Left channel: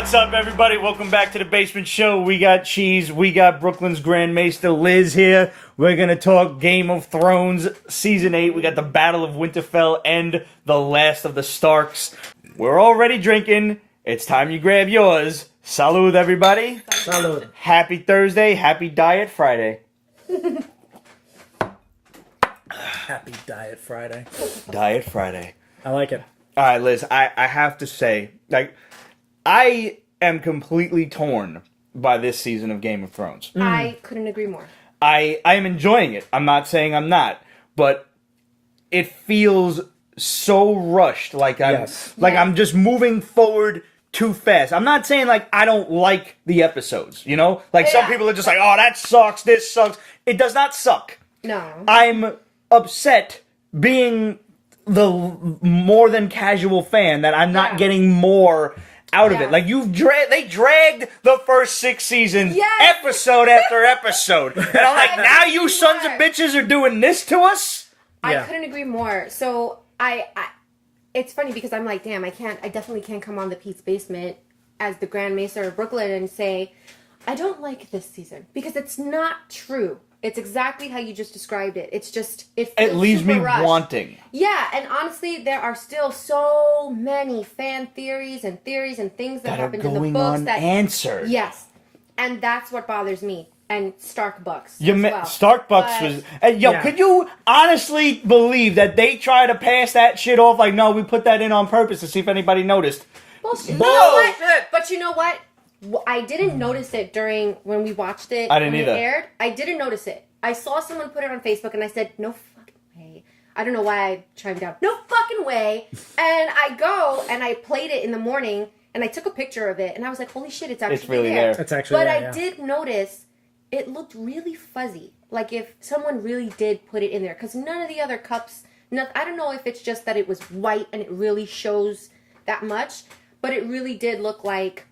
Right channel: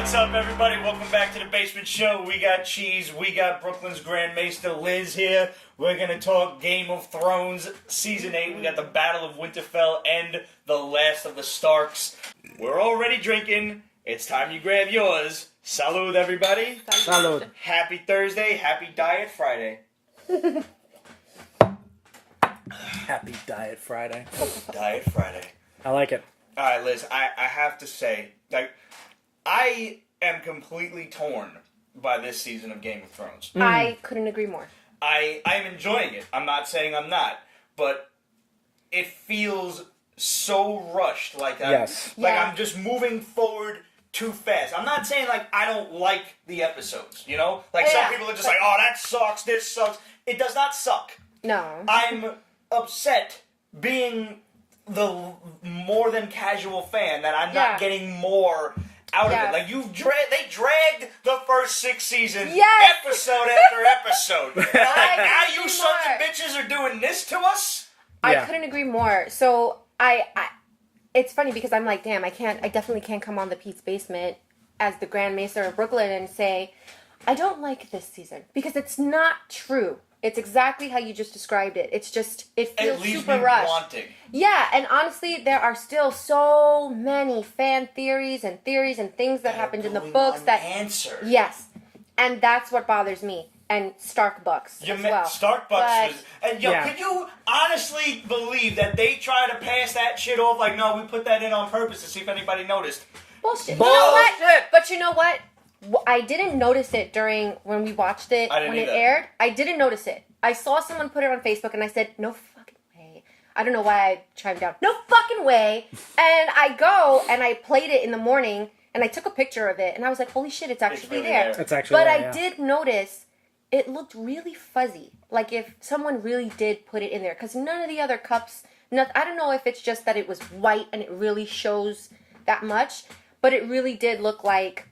What's up, everybody? Welcome back to the Basement Show. We got Cheese, we got Brooklyn's Grand Maester Liz here. We're gonna talk Game of Thrones Season 8. We got the Battle of Winterfell and the last of the Starks. We're already drinking. It's time you grab yours. Salud, everybody. Salud. Happy Thursday. Happy Diet Friday. Happy Diet Friday. Diet Friday. I like it. All right, Liz, I have to say, I am completely torn by this season of Game of Thrones. I couldn't agree more. I am enjoying it. I'm not saying I'm not, but it feels so rushed. I'm just moving forward too fast. I'm not saying I don't like the episodes, you know? Some people are just oh, that sucks, this sucks. It does not suck. No. I'm upset being the more than casual fan that I'm not getting more out of it. They dragged the first 6 seasons, episode after episode. And I'm now you sons of bitches are doing this to us? I couldn't agree more. So it's funny because I'm like, damn, I definitely can't come on the Pete's Basement as the Grand Maester of Brooklyn and say, I don't like this season. Because it's not true. It's exactly how you just described it. It's just, it feels It leaves super me rushed. wanting. Yeah, and honestly, there are still so many fan theories and things that happened in the books that answered. Yes, and that's what bothers me. And Starbucks as well. Starbucks was... And could you honestly believe that they try to pass that shit off no, we put that in on purpose to see if anybody noticed? Bullshit. You know what? But you know what? I didn't notice it when we watched it when it aired. I didn't notice it. I saw someone put it on Facebook and I said, no fucking way. I don't know why I chimed down. No fucking way. And I go and I played it in the morning and I took a picture of it and I was like, holy shit, it's actually really there. It's actually but there, I did notice it looked really fuzzy. Like if someone really did put it in there. Because none of the other cups, I don't know if it's just that it was white and it really shows that much. But it really did look like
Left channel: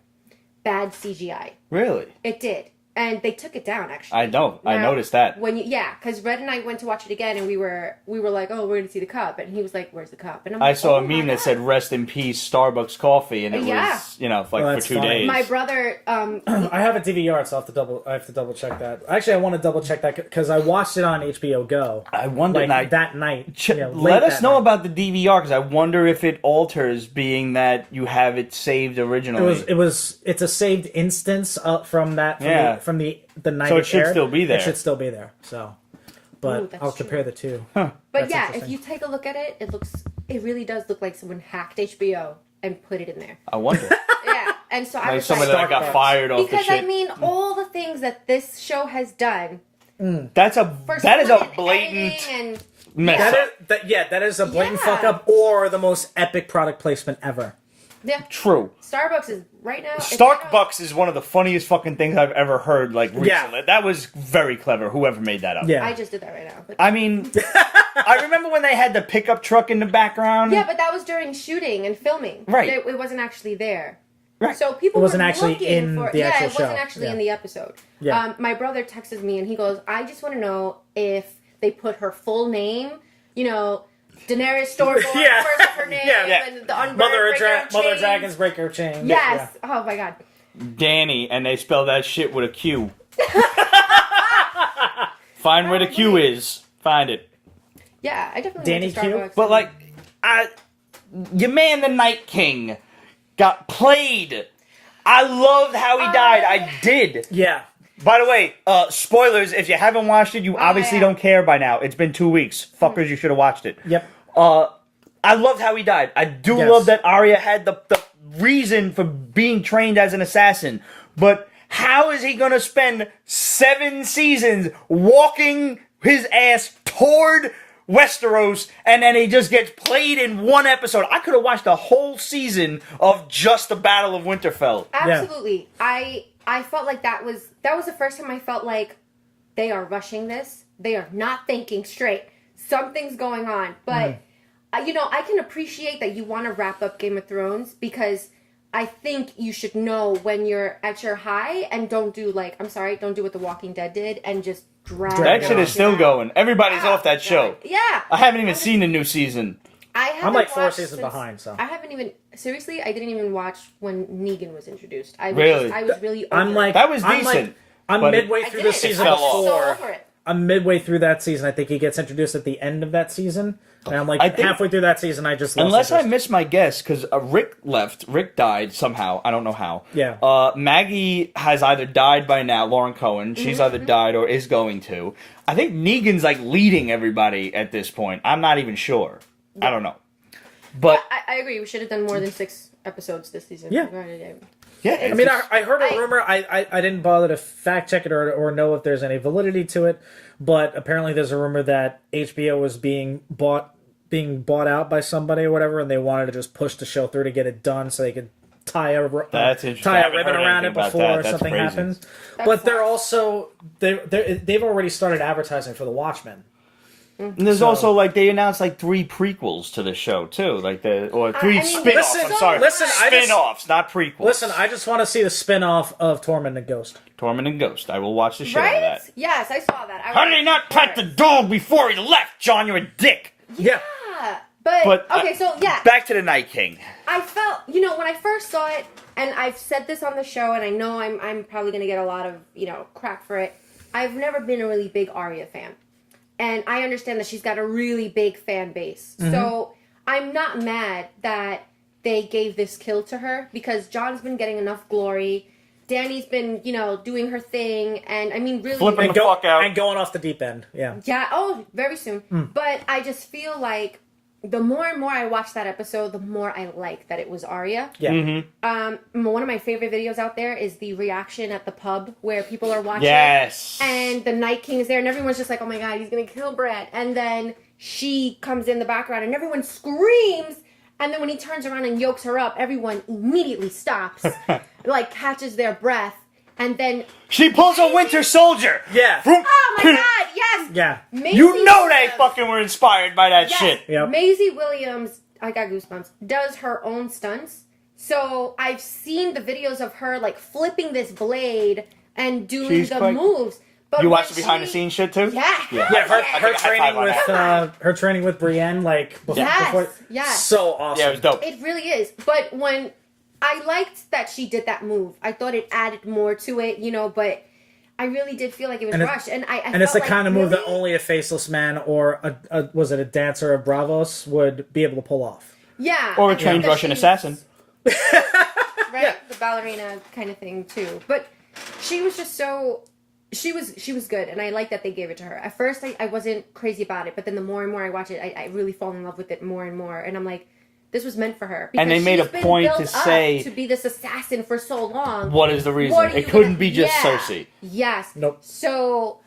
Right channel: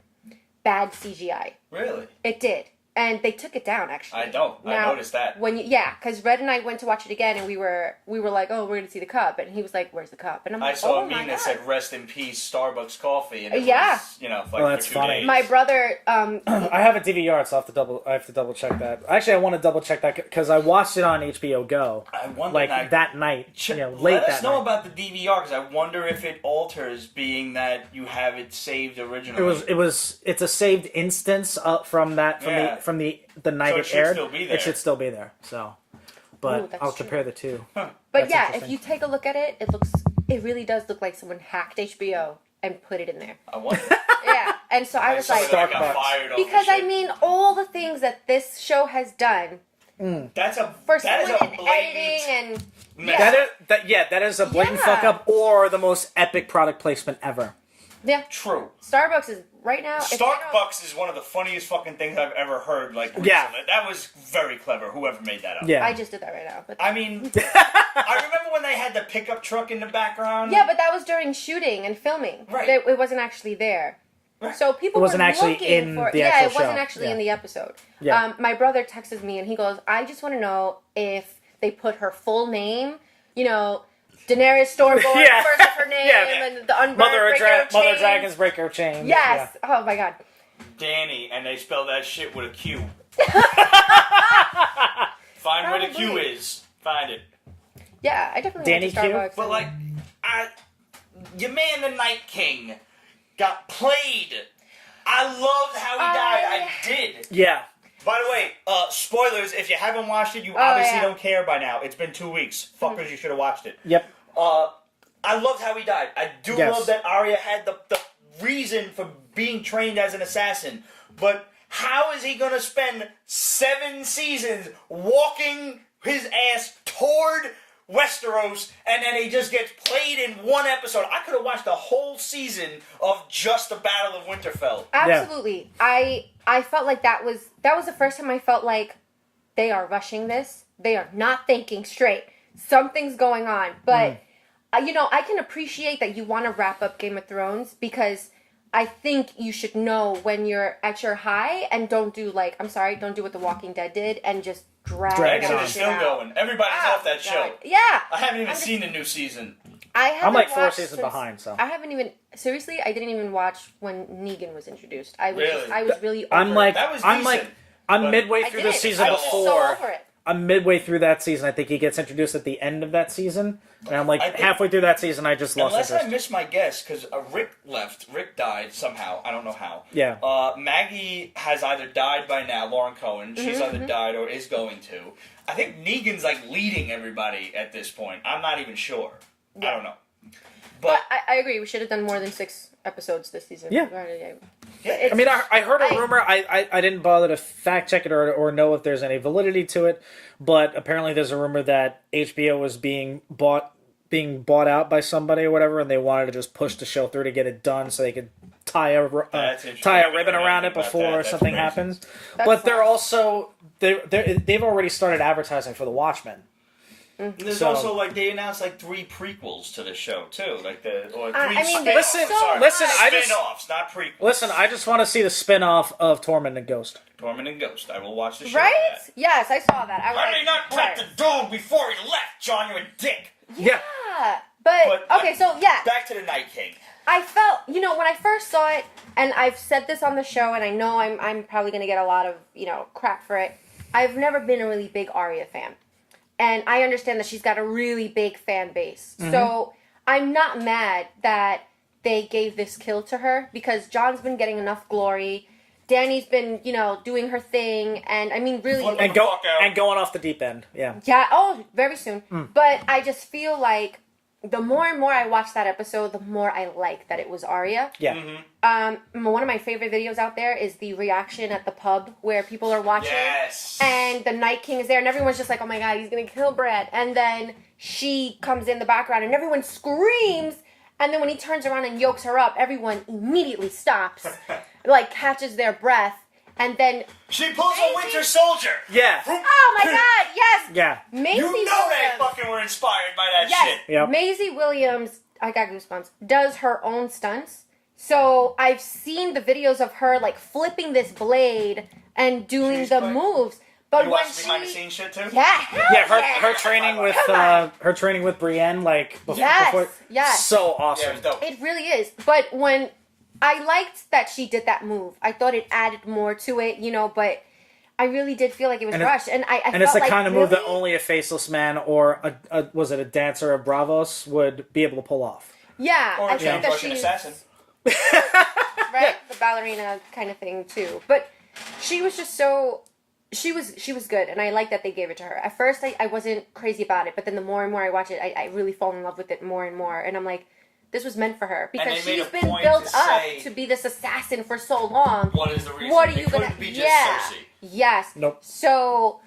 bad CGI. Really? It did. And they took it down, actually. I know. I noticed that. Because Red and I went to watch it again, and we were like, oh, we're going to see the cup. And he was like, where's the cup? And I saw a meme that said, rest in peace, Starbucks coffee. And it was, for 2 days. My brother... I have a DVR, so I have to double check that. Actually, I want to double check that because I watched it on HBO Go. I wonder... that night. Let us know about the DVR, because I wonder if it alters, being that you have it saved originally. It's a saved instance from that... From the night. So it should still be there. It should still be there. So, but I'll compare the two. Huh. But if you take a look at it, it really does look like someone hacked HBO and put it in there. I wonder. Yeah, and so I was like, someone that got fired off because the shit. I mean, all the things that this show has done. That is a blatant and mess up. That is a blatant fuck up or the most epic product placement ever. Yeah. True. Starbucks is right now. Starbucks is one of the funniest fucking things I've ever heard. Recently, that was very clever. Whoever made that up. Yeah. I just did that right now. But I mean, I remember when they had the pickup truck in the background. Yeah, but that was during shooting and filming. Right. It wasn't actually there. Right. So people were looking for. Yeah, it wasn't actually in the episode. Yeah. My brother texts me and he goes, "I just want to know if they put her full name. Daenerys Stormborn, first of her name, and the unburned breaker of chains. Mother Dragon's breaker of chains. Yes. Yeah. Oh my god. Danny, and they spell that shit with a Q. Find where the Q is. Find it. Yeah, I definitely went to Starbucks. But your man, the Night King, got played. I loved how he died. I did. Yeah. By the way, spoilers, if you haven't watched it, you obviously don't care by now. It's been 2 weeks. Fuckers, you should have watched it. Yep. I loved how he died. I do love that Arya had the reason for being trained as an assassin. But how is he going to spend 7 seasons walking his ass toward Westeros, and then he just gets played in 1 episode? I could have watched the whole season of just the Battle of Winterfell. Absolutely. Yeah. I felt like that was the first time I felt like they are rushing this. They are not thinking straight. Something's going on. But, I can appreciate that you want to wrap up Game of Thrones because I think you should know when you're at your high and don't do don't do what The Walking Dead did and just drag that shit is still going. Everybody's off that show. Yeah. I haven't even seen the new season. I haven't I'm like 4 watched seasons since, behind, so. I haven't even seriously. I didn't even watch when Negan was introduced. I was Really? I was really over I'm like, That was I'm decent. I'm but midway I through did the it. season I fell was off. so over it. I'm midway through that season. I think he gets introduced at the end of that season. And I'm like, I think- halfway through that season, I just lost Unless I interest. missed my guess, because Rick left. Rick died somehow. I don't know how. Yeah. Maggie has either died by now, Lauren Cohen. She's either died or is going to. I think Negan's like leading everybody at this point. I'm not even sure. I don't know. But I agree. We should have done more than 6 episodes this season. Yeah. yeah, I mean, I heard a I- rumor. I didn't bother to fact check it or know if there's any validity to it. But apparently there's a rumor that HBO was being bought out by somebody or whatever, and they wanted to just push the show through to get it done so they could tie a ribbon around it before something happens. But they're also they've already started advertising for the Watchmen. And there's also like they announced like 3 prequels to the show too, like or 3 I mean, spin-offs. there's I'm so sorry, much. spin-offs, not prequels. Listen, I just want to see the spin-off of Torment and Ghost. Torment and Ghost. I will watch the show. Right? Of that. Yes, I saw that. I was How like, did he not of pat the course. dog before he left, John? You're a dick. Yeah. But okay, so yeah, Back to the Night King. I felt, when I first saw it, and I've said this on the show, and I know I'm probably going to get a lot of, crap for it. I've never been a really big Arya fan. And I understand that she's got a really big fan base. Mm-hmm. So I'm not mad that they gave this kill to her, because John's been getting enough glory. Dany's been, doing her thing. And I mean, really. Flipping the fuck out. And going off the deep end. Yeah. Yeah, very soon. But I just feel like the more and more I watch that episode, the more I like that it was Arya. Yeah. Mm-hmm. One of my favorite videos out there is the reaction at the pub where people are watching. Yes. And the Night King is there, and everyone's just like, oh my god, he's gonna kill Brad. And then she comes in the background, and everyone screams. And then when he turns around and yokes her up, everyone immediately stops, like catches their breath. And then she pulls a Winter Soldier. Yeah. oh my god, yes. Yeah. Maisie You know Williams. they fucking were inspired by that Yes. shit. Yep. Maisie Williams, I got goosebumps, does her own stunts. So I've seen the videos of her like flipping this blade and doing She's the quite- moves. But You when watch the behind the scenes shit too? Yeah. Her training with Brienne, like before, Yes, yes. so awesome. Yeah, it was dope. It really is. But when I liked that she did that move, I thought it added more to it, but I really did feel like it was rushed. And I And felt it's the like, kind of really? move that only a faceless man or was it a dancer of Bravos would be able to pull off. Yeah. Or I a think trained that Russian she's- assassin. Right? The ballerina kind of thing too. But she was just so she was good, and I like that they gave it to her. At first I wasn't crazy about it, but then the more and more I watch it, I really fall in love with it more and more. And I'm like, this was meant for her. Because And they made she's a been point built to up say- to be this assassin for so long. What is the reason? What are you It couldn't gonna- be just yeah. Cersei. Yes. Nope. So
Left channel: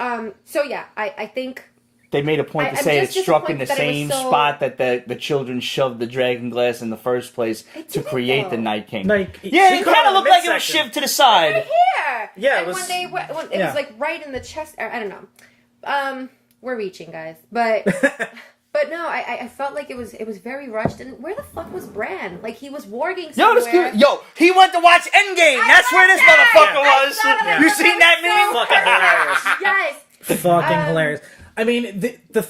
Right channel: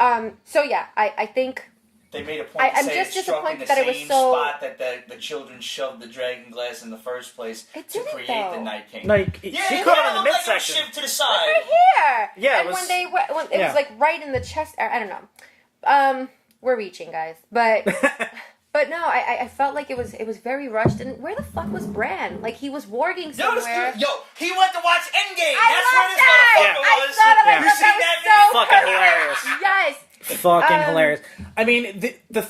yeah, I think They made a point to I'm say it just struck in the disappointed that it was same so- spot that the children shoved the dragon glass in the first place It to didn't, create the though. Night King. Like, Yeah, she it caught kind of it looked like it was midsection. shivved to the side. right here. Yeah, And it when was- they went, it yeah. was like right in the chest. I don't know. We're reaching, guys, but. But no, I felt like it was very rushed. And where the fuck was Bran? Like, he was warging Yo, somewhere. this dude, he went to watch Endgame. That's where this I motherfucker I was. saw that. I You thought seen that was meme? so perfect. Yes. Fucking hilarious. I mean, the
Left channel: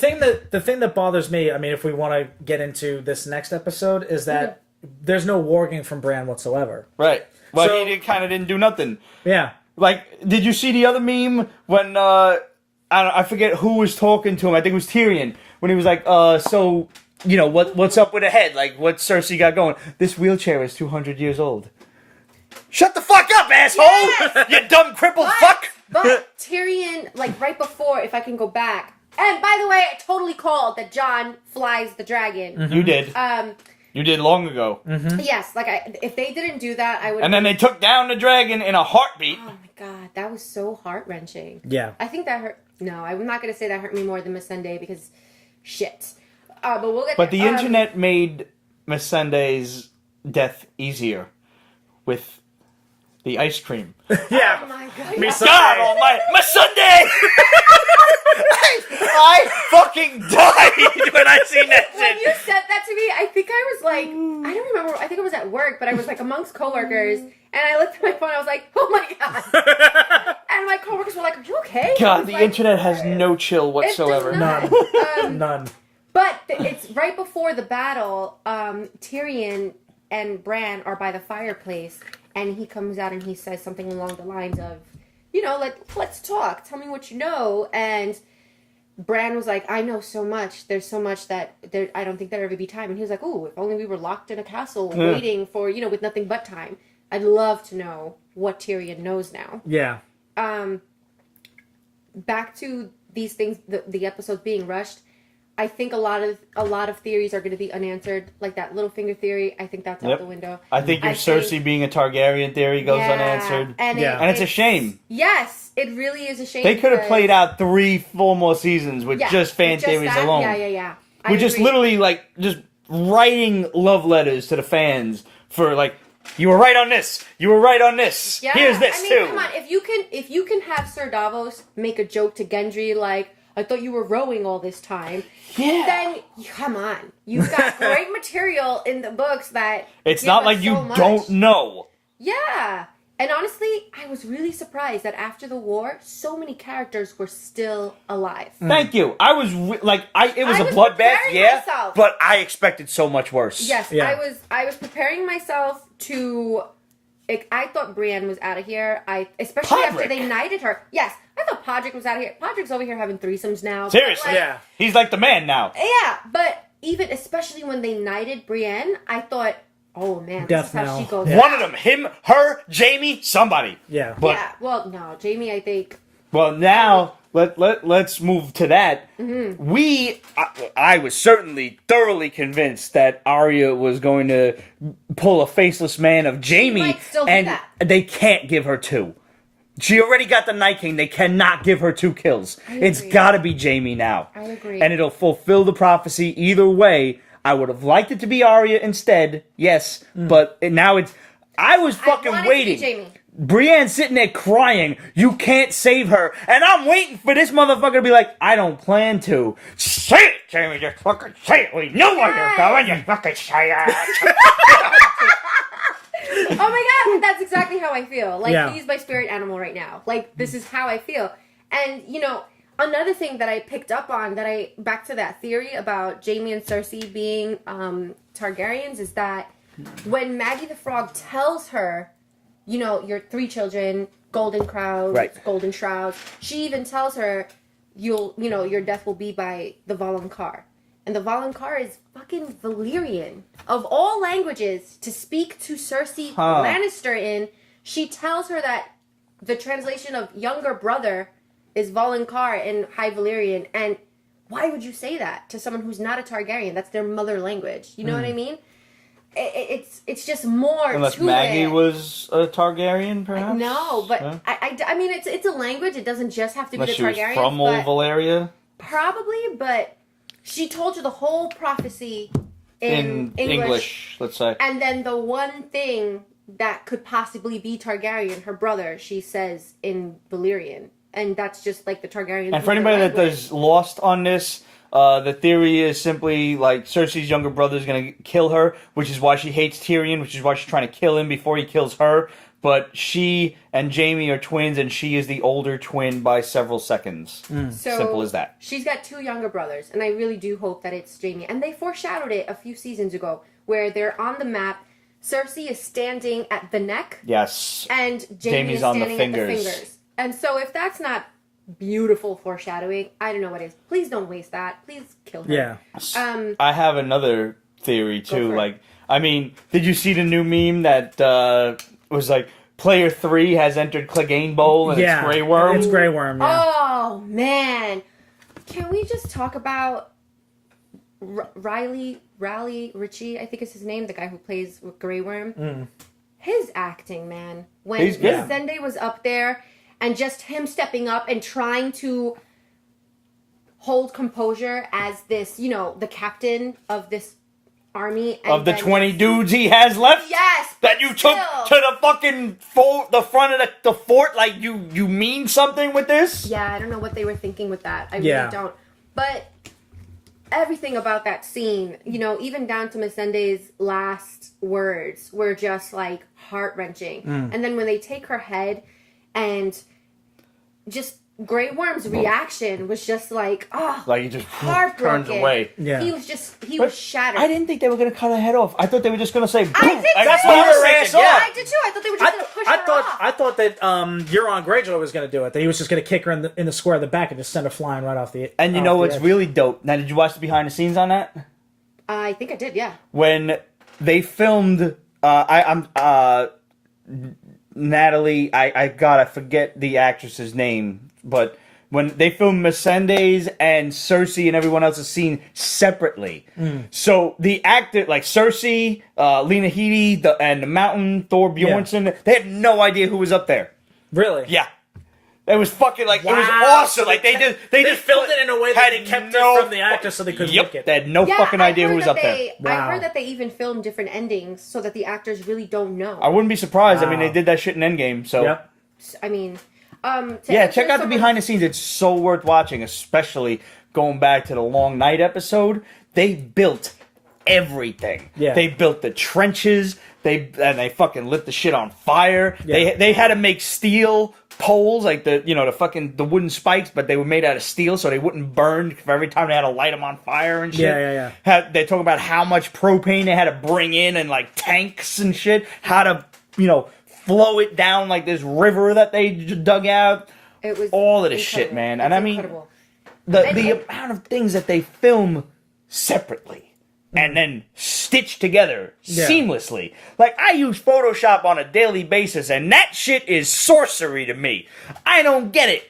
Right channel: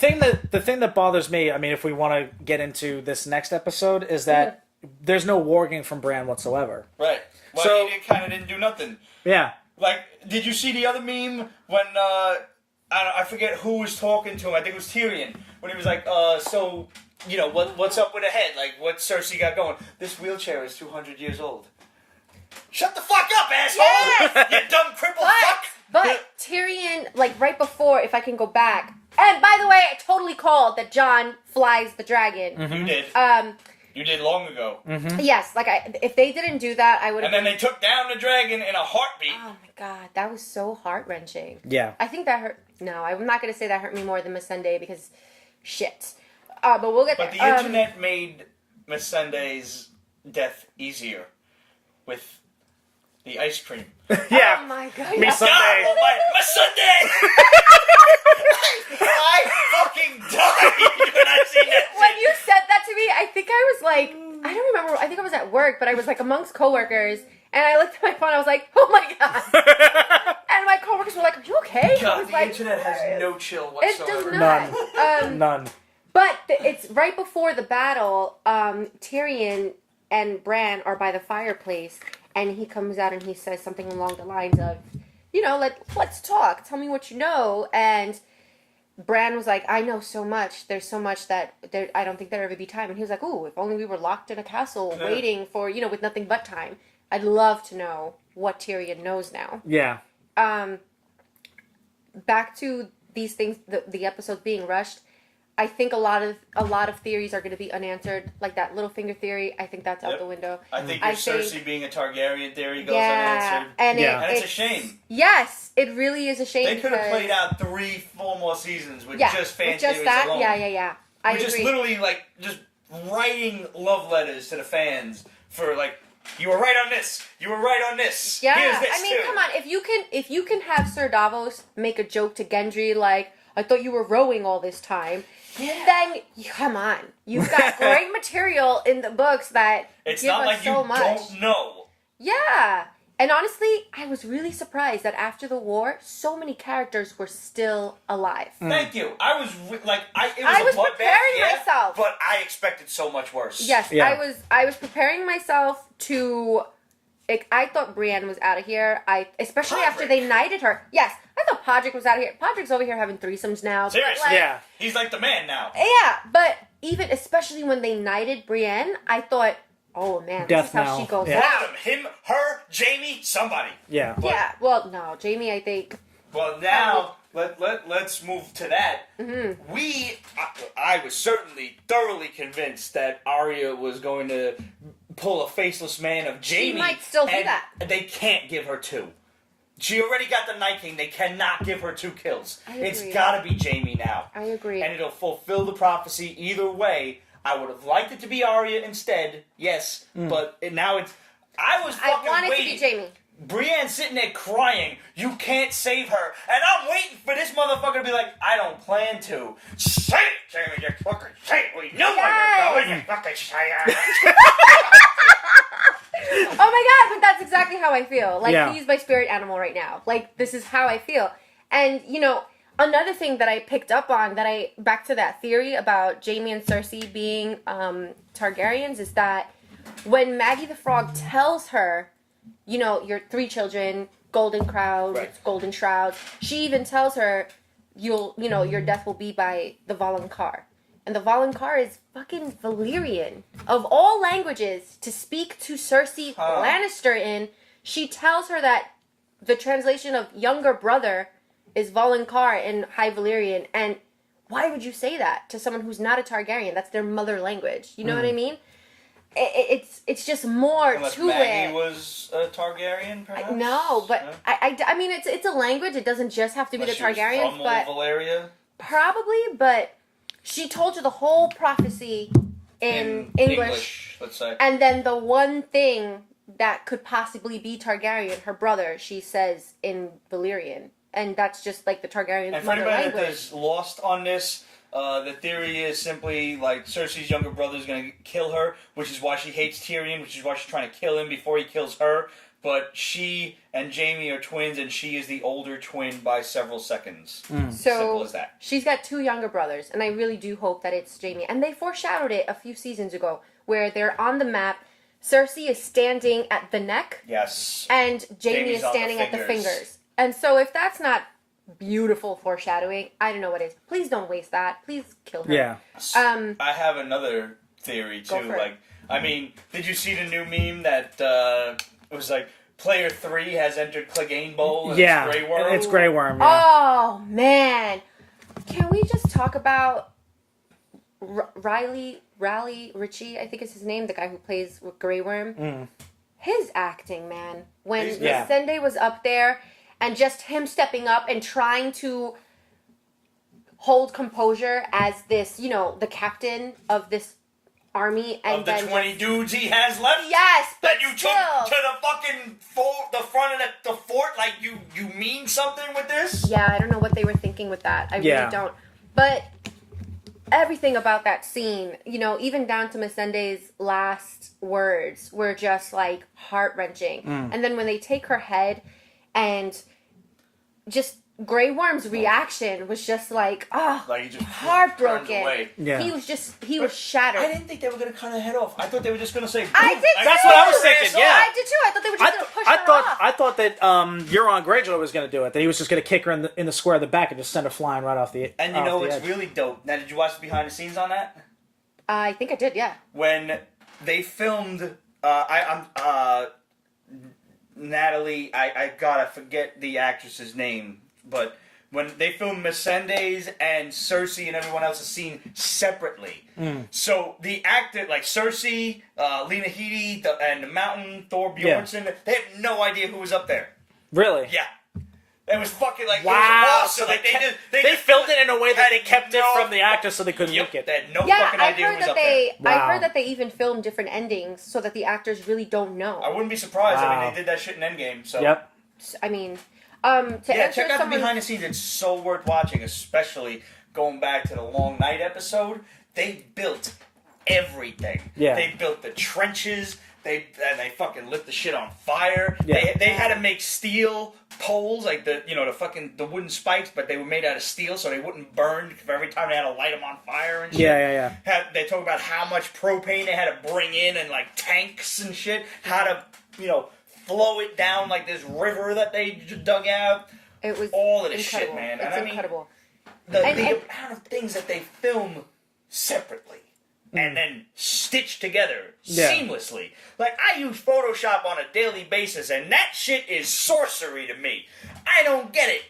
thing that bothers me, I mean, if we want to get into this next episode, is that there's no warging from Bran whatsoever. Right. Well, So- he kind of didn't do nothing. Yeah. Like, did you see the other meme when I forget who was talking to him? I think it was Tyrion when he was like, "So, what's up with the head? Like, what's Cersei got going? This wheelchair is 200 years old." Shut the fuck up, asshole! Yes! You dumb crippled fuck! But Tyrion, like right before, if I can go back. And by the way, I totally called that Jon flies the dragon. You did. You did long ago. Yes, like if they didn't do that, I would. And then they took down the dragon in a heartbeat. Oh my god, that was so heart wrenching. Yeah. I think that hurt. No, I'm not gonna say that hurt me more than Missandei because shit. But we'll get But there. the internet made Missandei's death easier with the ice cream. Oh my god. yeah. God almighty, Missandei! I fucking died when I seen that When shit. you said that to me, I think I was like, I don't remember. I think I was at work, but I was like amongst coworkers, and I looked at my phone. I was like, oh my god. And my coworkers were like, are you okay? I God, was the like, internet has no chill It whatsoever. does not. None. But it's right before the battle. Tyrion and Bran are by the fireplace, and he comes out and he says something along the lines of, let's talk. Tell me what you know. And Bran was like, I know so much. There's so much that I don't think there'll ever be time. And he was like, ooh, if only we were locked in a castle waiting for, with nothing but time. I'd love to know what Tyrion knows now. Yeah. Back to these things, the episodes being rushed. I think a lot of theories are going to be unanswered, like that Littlefinger theory. I think that's out the window. I think your Cersei being a Targaryen theory goes unanswered, and it's a shame. Yes, it really is a shame. They could have played out 3 full more seasons with just fan theories alone. Yeah. We're just literally just writing love letters to the fans for you were right on this. You were right on this. Yeah, Here's this too. Come on. If you can have Sir Davos make a joke to Gendry like, I thought you were rowing all this time. Yeah. Then come on, you've got great material in the books that it's give not us like you so much. don't know. Yeah, and honestly, I was really surprised that after the war, so many characters were still alive. Thank you. I was it was I was a bloodbath, preparing myself. but I expected so much worse. Yes, Yeah. I was preparing myself to. I thought Brienne was out of here. Especially after they knighted her. Yes, I thought Podrick was out of here. Podrick's over here having threesomes now. Seriously, he's like the man now. Yeah, but especially when they knighted Brienne, I thought, oh man, this is how she goes One out. of them, him, her, Jamie, somebody. Yeah. But, well, no, Jamie, I think. Well, now let's move to that. Mm-hmm. I was certainly thoroughly convinced that Arya was going to pull a faceless man of Jamie. She might still do and that. They can't give her 2. She already got the Night King. They cannot give her 2 kills. It's got to be Jamie now. I agree. And it'll fulfill the prophecy either way. I would have liked it to be Arya instead, yes, but now it's. I was fucking waiting. To be Jamie. Brienne's sitting there crying. You can't save her. And I'm waiting for this motherfucker to be like, I don't plan to. Say it, Jamie. Just fucking say it. We know where you're going. You fucking say it. Oh my god, but that's exactly how I feel. He's my spirit animal right now. This is how I feel. And, another thing that I picked up on, back to that theory about Jaime and Cersei being Targaryens, is that when Maggie the Frog tells her, your 3 children, golden crowns, golden shrouds, she even tells her, your death will be by the Valonqar. And the Valonqar is fucking Valyrian. Of all languages to speak to Cersei Lannister in, she tells her that the translation of younger brother is Valonqar in High Valyrian. And why would you say that to someone who's not a Targaryen? That's their mother language. You know what I mean? It's just more Unless to Maggie it. was a Targaryen, perhaps? No, but I mean, it's a language. It doesn't just have to be the Targaryens. She was from old Valyria? Probably, but she told you the whole prophecy in English, let's say. And then the one thing that could possibly be Targaryen, her brother, she says in Valyrian. And that's just the Targaryen. And for anybody that is lost on this, the theory is simply Cersei's younger brother is going to kill her, which is why she hates Tyrion, which is why she's trying to kill him before he kills her. But she and Jamie are twins, and she is the older twin by several seconds. So simple as that. She's got 2 younger brothers, and I really do hope that it's Jamie. And they foreshadowed it a few seasons ago, where they're on the map. Cersei is standing at the neck. Yes. And Jamie is standing at the fingers. And so if that's not beautiful foreshadowing, I don't know what is. Please don't waste that. Please kill her. Yeah. I have another theory too. for it. Did you see the new meme that was player 3 has entered Clegane Bowl and it's Grey Worm? It's Grey Worm. Yeah. Oh man, can we just talk about Riley Ritchie? I think is his name. The guy who plays Grey Worm. His acting, man. When Missandei was up there. And just him stepping up and trying to hold composure as this, the captain of this army. And of the 20 dudes he has left? Yes, that you took to the fucking the front of the fort? You mean something with this? Yeah, I don't know what they were thinking with that. I really don't. But everything about that scene, even down to Missandei's last words were just, heart-wrenching. And then when they take her head and just Grey Worm's reaction was just like, Like he just heartbroken. turns away. Yeah. He was shattered. I didn't think they were going to cut her head off. I thought they were just going to say, boom, I did and too. cut her ass off. I did too. I thought they were just going to push her off. I thought that Euron Greyjoy was going to do it. That he was just going to kick her in the square of the back and just send her flying right off the. And you know what's edge. really dope? Now, did you watch the behind the scenes on that? I think I did, yeah. When they filmed, Natalie, I forget the actress's name, but when they filmed Missandei's and Cersei and everyone else's scene separately. So the actor, like Cersei, Lena Headey, and the Mountain, Thor Bjornsson, they had no idea who was up there. Really? Yeah. It was fucking like, it was Wow. awesome. Like they just filmed it in a way that kept it from the actors so they couldn't make it. They had no Yeah, fucking idea who was up there. I Wow. heard that they even filmed different endings so that the actors really don't know. I wouldn't be surprised. I mean, Wow. they did that shit in Endgame, so... Yeah. I mean, to Yeah, answer check out the someone's- behind the scenes. It's so worth watching, especially going back to the Long Night episode. They built everything. Yeah. They built the trenches. They fucking lit the shit on fire. Yeah. They had to make steel poles, like the wooden spikes, but they were made out of steel, so they wouldn't burn for every time they had to light them on fire and shit. Yeah. They talk about how much propane they had to bring in and like tanks and shit. How to flow it down like this river that they dug out. It was all of this shit, incredible. man. It's And I mean, incredible. the And- amount of things that they film separately and then stitch together seamlessly. Like, I use Photoshop on a daily basis, and that shit is sorcery to me. I don't get it.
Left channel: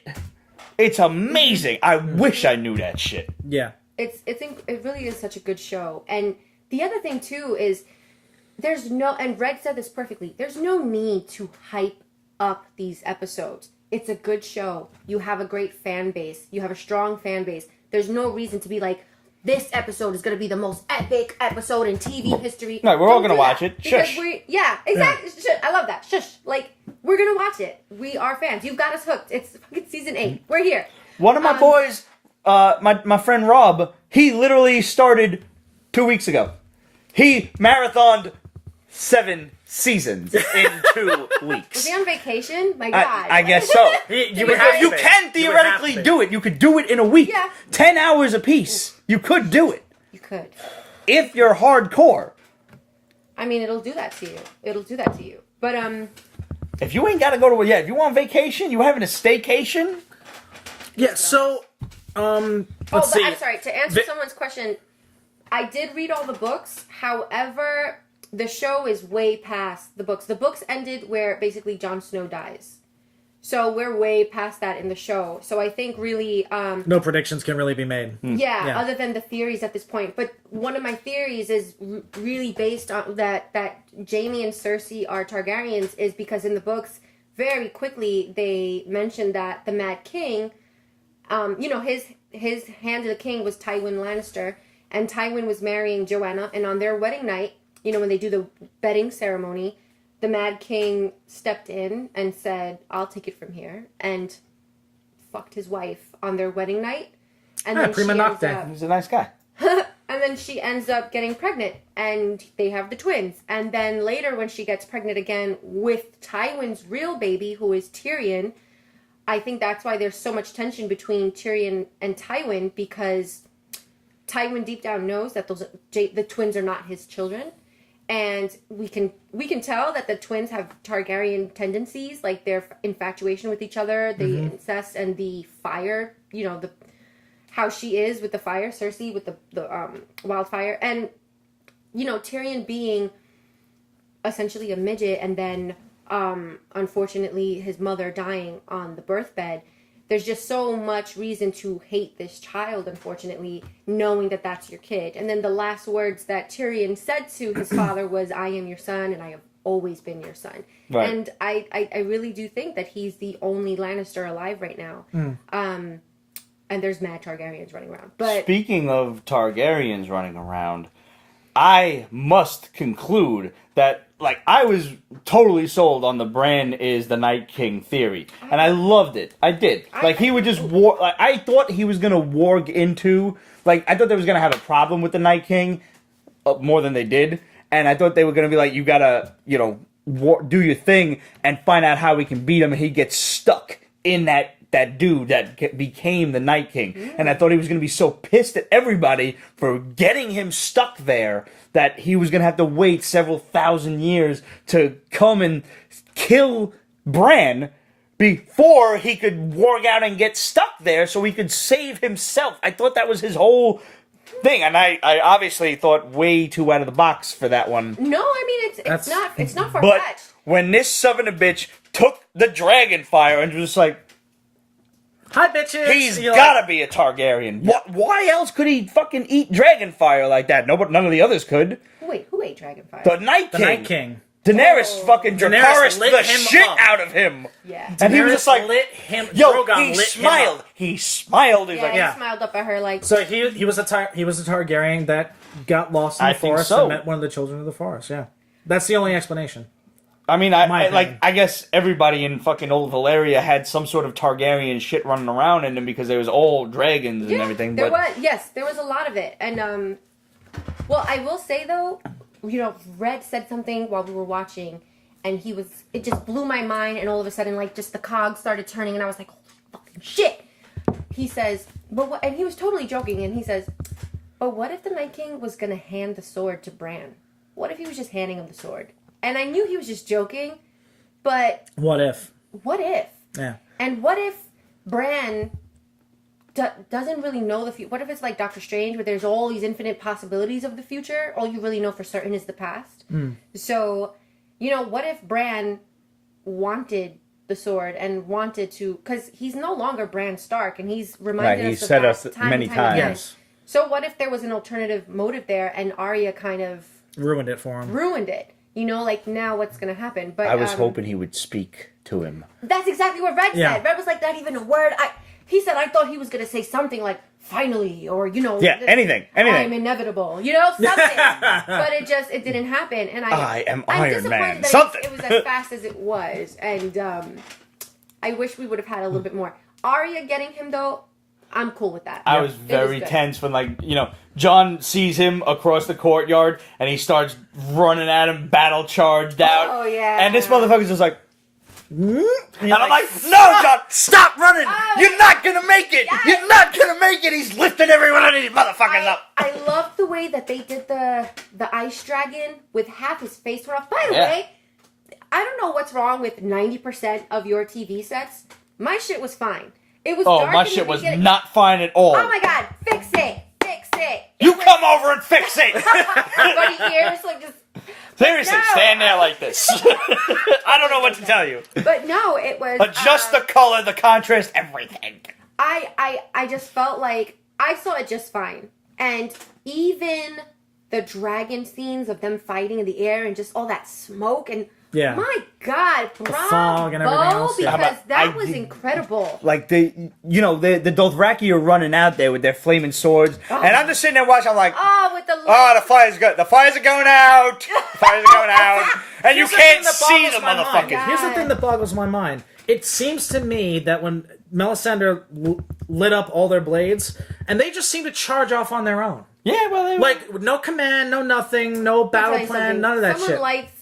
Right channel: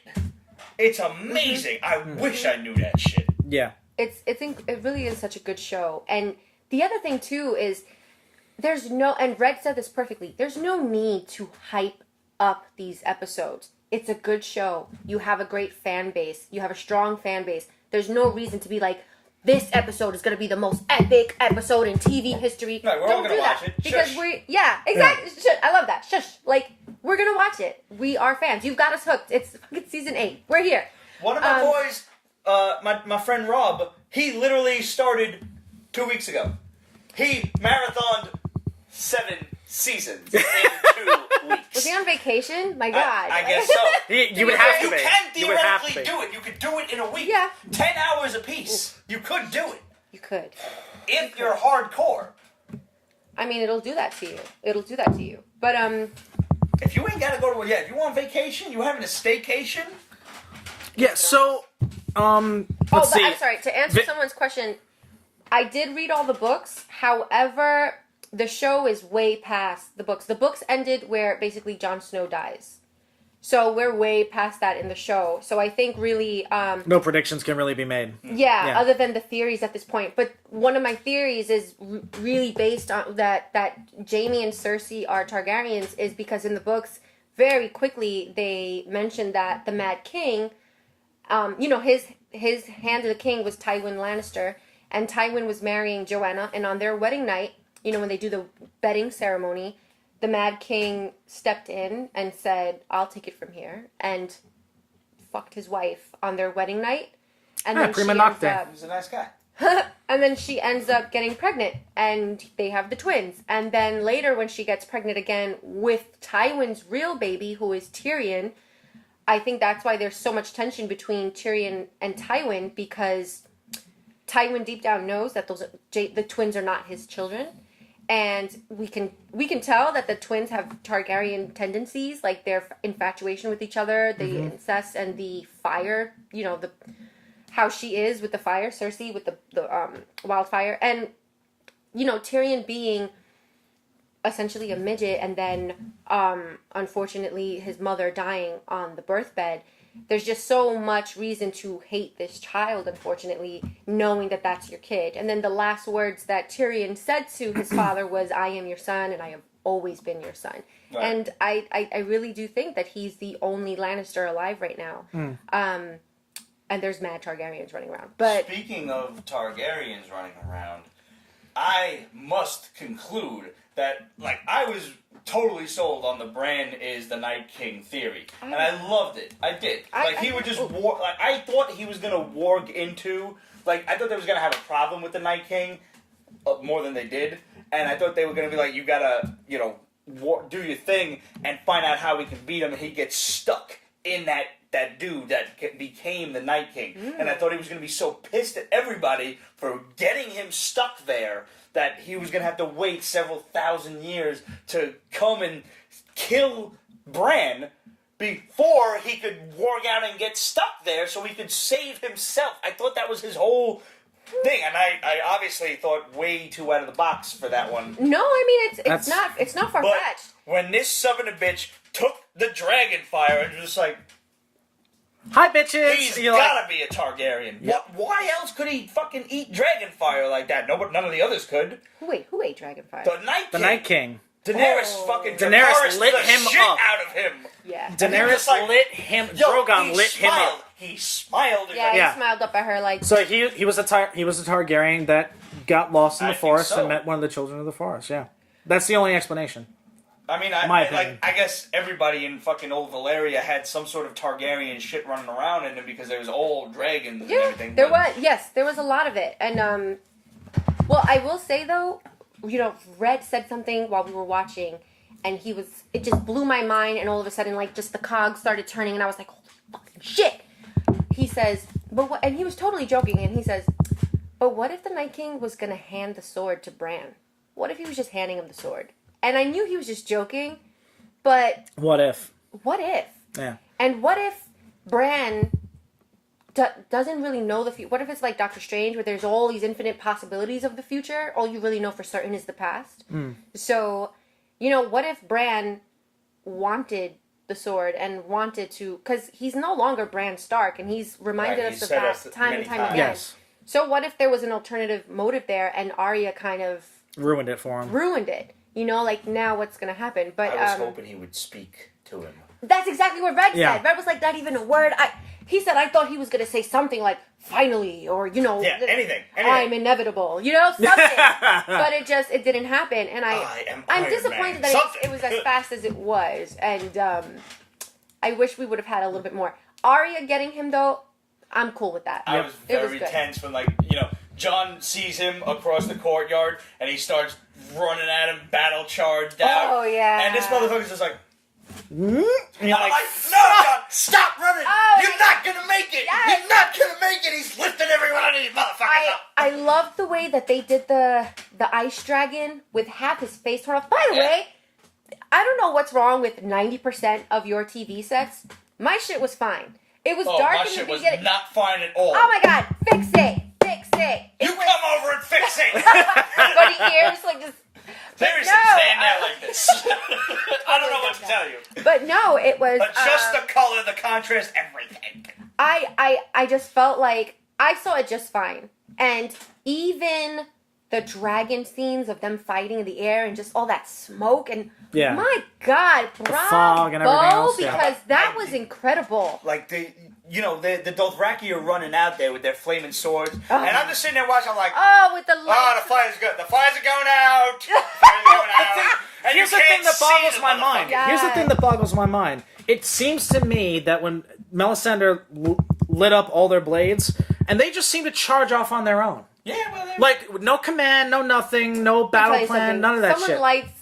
It's amazing. I wish I knew that shit. Yeah. It really is such a good show. And the other thing too is and Red said this perfectly, there's no need to hype up these episodes. It's a good show. You have a great fan base. You have a strong fan base. There's no reason to be like, this episode is going to be the most epic episode in TV history. No, we're all going to watch it. Because Shush. exactly. Shush. I love that. Shush. Like, we're going to watch it. We are fans. You've got us hooked. It's fucking season 8. We're here. One of my boys, my friend Rob, he literally started 2 weeks ago. He marathoned 7 seasons in 2 weeks. Was he on vacation? My God. I guess so. You can theoretically do it. You could do it in a week. Yeah. 10 hours apiece. You could do it. You could. If you're hardcore. I mean, it'll do that to you. But, If you ain't got to go to... Yeah, if you on vacation, you having a staycation... Yeah, so, I'm sorry. To answer someone's question, I did read all the books. However, the show is way past the books. The books ended where basically Jon Snow dies. So we're way past that in the show. So I think really... no predictions can really be made. Yeah, other than the theories at this point. But one of my theories is really based on that Jaime and Cersei are Targaryens is because in the books, very quickly, they mentioned that the Mad King... his hand of the king was Tywin Lannister, and Tywin was marrying Joanna, and on their wedding night, when they do the bedding ceremony, the Mad King stepped in and said, "I'll take it from here," and fucked his wife on their wedding night, and then she ends up... He's a nice guy. And then she ends up getting pregnant, and they have the twins. And then later, when she gets pregnant again with Tywin's real baby, who is Tyrion... I think that's why there's so much tension between Tyrion and Tywin, because Tywin deep down knows that the twins are not his children, and we can tell that the twins have Targaryen tendencies, like their infatuation with each other, the incest and the fire. How she is with the fire, Cersei with the wildfire, and Tyrion being essentially a midget, and then unfortunately his mother dying on the birthbed. There's just so much reason to hate this child, unfortunately, knowing that that's your kid. And then the last words that Tyrion said to his father was, "I am your son, and I have always been your son." Right. And I really do think that he's the only Lannister alive right now. And there's mad Targaryens running around. But speaking of Targaryens running around, I must conclude that, I was totally sold on the Bran is the Night King theory. And I loved it. I did. He would just I thought he was going to warg into... I thought they was going to have a problem with the Night King more than they did. And I thought they were going to be like, you got to, do your thing and find out how we can beat him. And he gets stuck in that that dude that became the Night King. And I thought he was going to be so pissed at everybody for getting him stuck there that he was going to have to wait several thousand years to come and kill Bran before he could walk out and get stuck there so he could save himself. I thought that was his whole thing, and I obviously thought way too out of the box for that one. No, I mean it's not far But fetched. when this son of a bitch took the dragon fire and was just like, Hi, bitches. he's gotta be a Targaryen. Why else could he fucking eat dragon fire like that? None of the others could. Wait, who ate Dragonfire? The Night The King. Night King. Daenerys fucking Daenerys Dracarys lit the him shit up. out of him. Yeah. And he was Daenerys just like, lit him. yo, Drogon he lit smiled. Him up. He smiled. He's Yeah, like, he smiled up at her like. So he was a Targaryen that got lost in I the think forest so. and met one of the children of the forest. Yeah, that's the only explanation. I mean, My opinion. I guess everybody in fucking old Valyria had some sort of Targaryen shit running around in them because there was old dragons and everything. There was a lot of it, and well, I will say though, Red said something while we were watching, and it just blew my mind, and all of a sudden, like, just the cogs started turning, and I was like, holy fucking shit. He says, but what? And he was totally joking, and he says, but what if the Night King was gonna hand the sword to Bran? What if he was just handing him the sword? And I knew he was just joking, but What if? what if? Yeah. And what if Bran doesn't really know the future? What if it's like Doctor Strange, where there's all these infinite possibilities of the future? All you really know for certain is the past. So, what if Bran wanted the sword and wanted to... Because he's no longer Bran Stark, and he's reminded us of that time and time again. So what if there was an alternative motive there, and Arya kind of... Ruined it for him. ruined it? Like, now what's going to happen? But I was hoping he would speak to him. That's exactly what Red Yeah. said. Red was like, not even a word. He said, I thought he was going to say something like, finally, or, Yeah, anything. I'm inevitable, something. But it didn't happen. And I am I'm Iron disappointed Man. that Something. it was as fast as it was. And I wish we would have had a little bit more. Arya getting him, though, I'm cool with that. I was very good. tense when, Jon sees him across the courtyard, and he starts running at him, battle charged out. Oh, yeah. And this motherfucker's just like... And I'm like, no, Jon, stop running! Oh, You're not gonna make it! yes. You're not gonna make it! He's lifting everyone of these motherfuckers up! I love the way that they did the ice dragon with half his face torn off. By the way, I don't know what's wrong with 90% of your TV sets. My shit was fine. It was dark my in the shit was beginning. not fine at all. Oh my god, fix it! Fix it! You come over and fix it! Buddy ears, like just... Seriously, no, stand there like this. I don't know what to tell you. But no, it was... Adjust the color, the contrast, everything. I just felt like... I saw it just fine. And even the dragon scenes of them fighting in the air and just all that smoke and... Yeah. My God, fog and everything bravo! else. Because that was incredible. Like, the Dothraki are running out there with their flaming swords. And I'm just sitting there watching, I'm like... Oh, with the lights. Oh, the fires are going out. The fires are going out. And you Here's the can't thing that see boggles the my mind. motherfucker. Yeah. Here's the thing that boggles my mind. It seems to me that when Melisandre lit up all their blades, and they just seem to charge off on their own. Yeah, well, they Like, no command, no nothing, no I'll tell battle you plan, something. none of that Someone shit. lights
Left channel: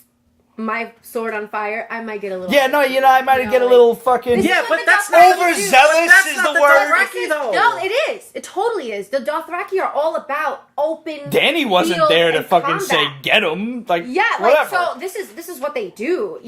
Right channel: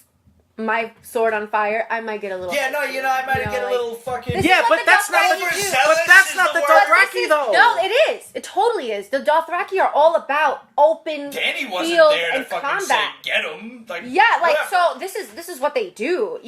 my sword on fire, I might get a little... Yeah, no, I might get a little fucking... This is Yeah, what but the that's Dothraki do. overzealous That's is not the the word. But Dothraki, this is... though. No, it is. It totally is. The Dothraki are all about open Danny wasn't fields there to and fucking combat. say get him. Like, Yeah, like, whatever. so this is what they do,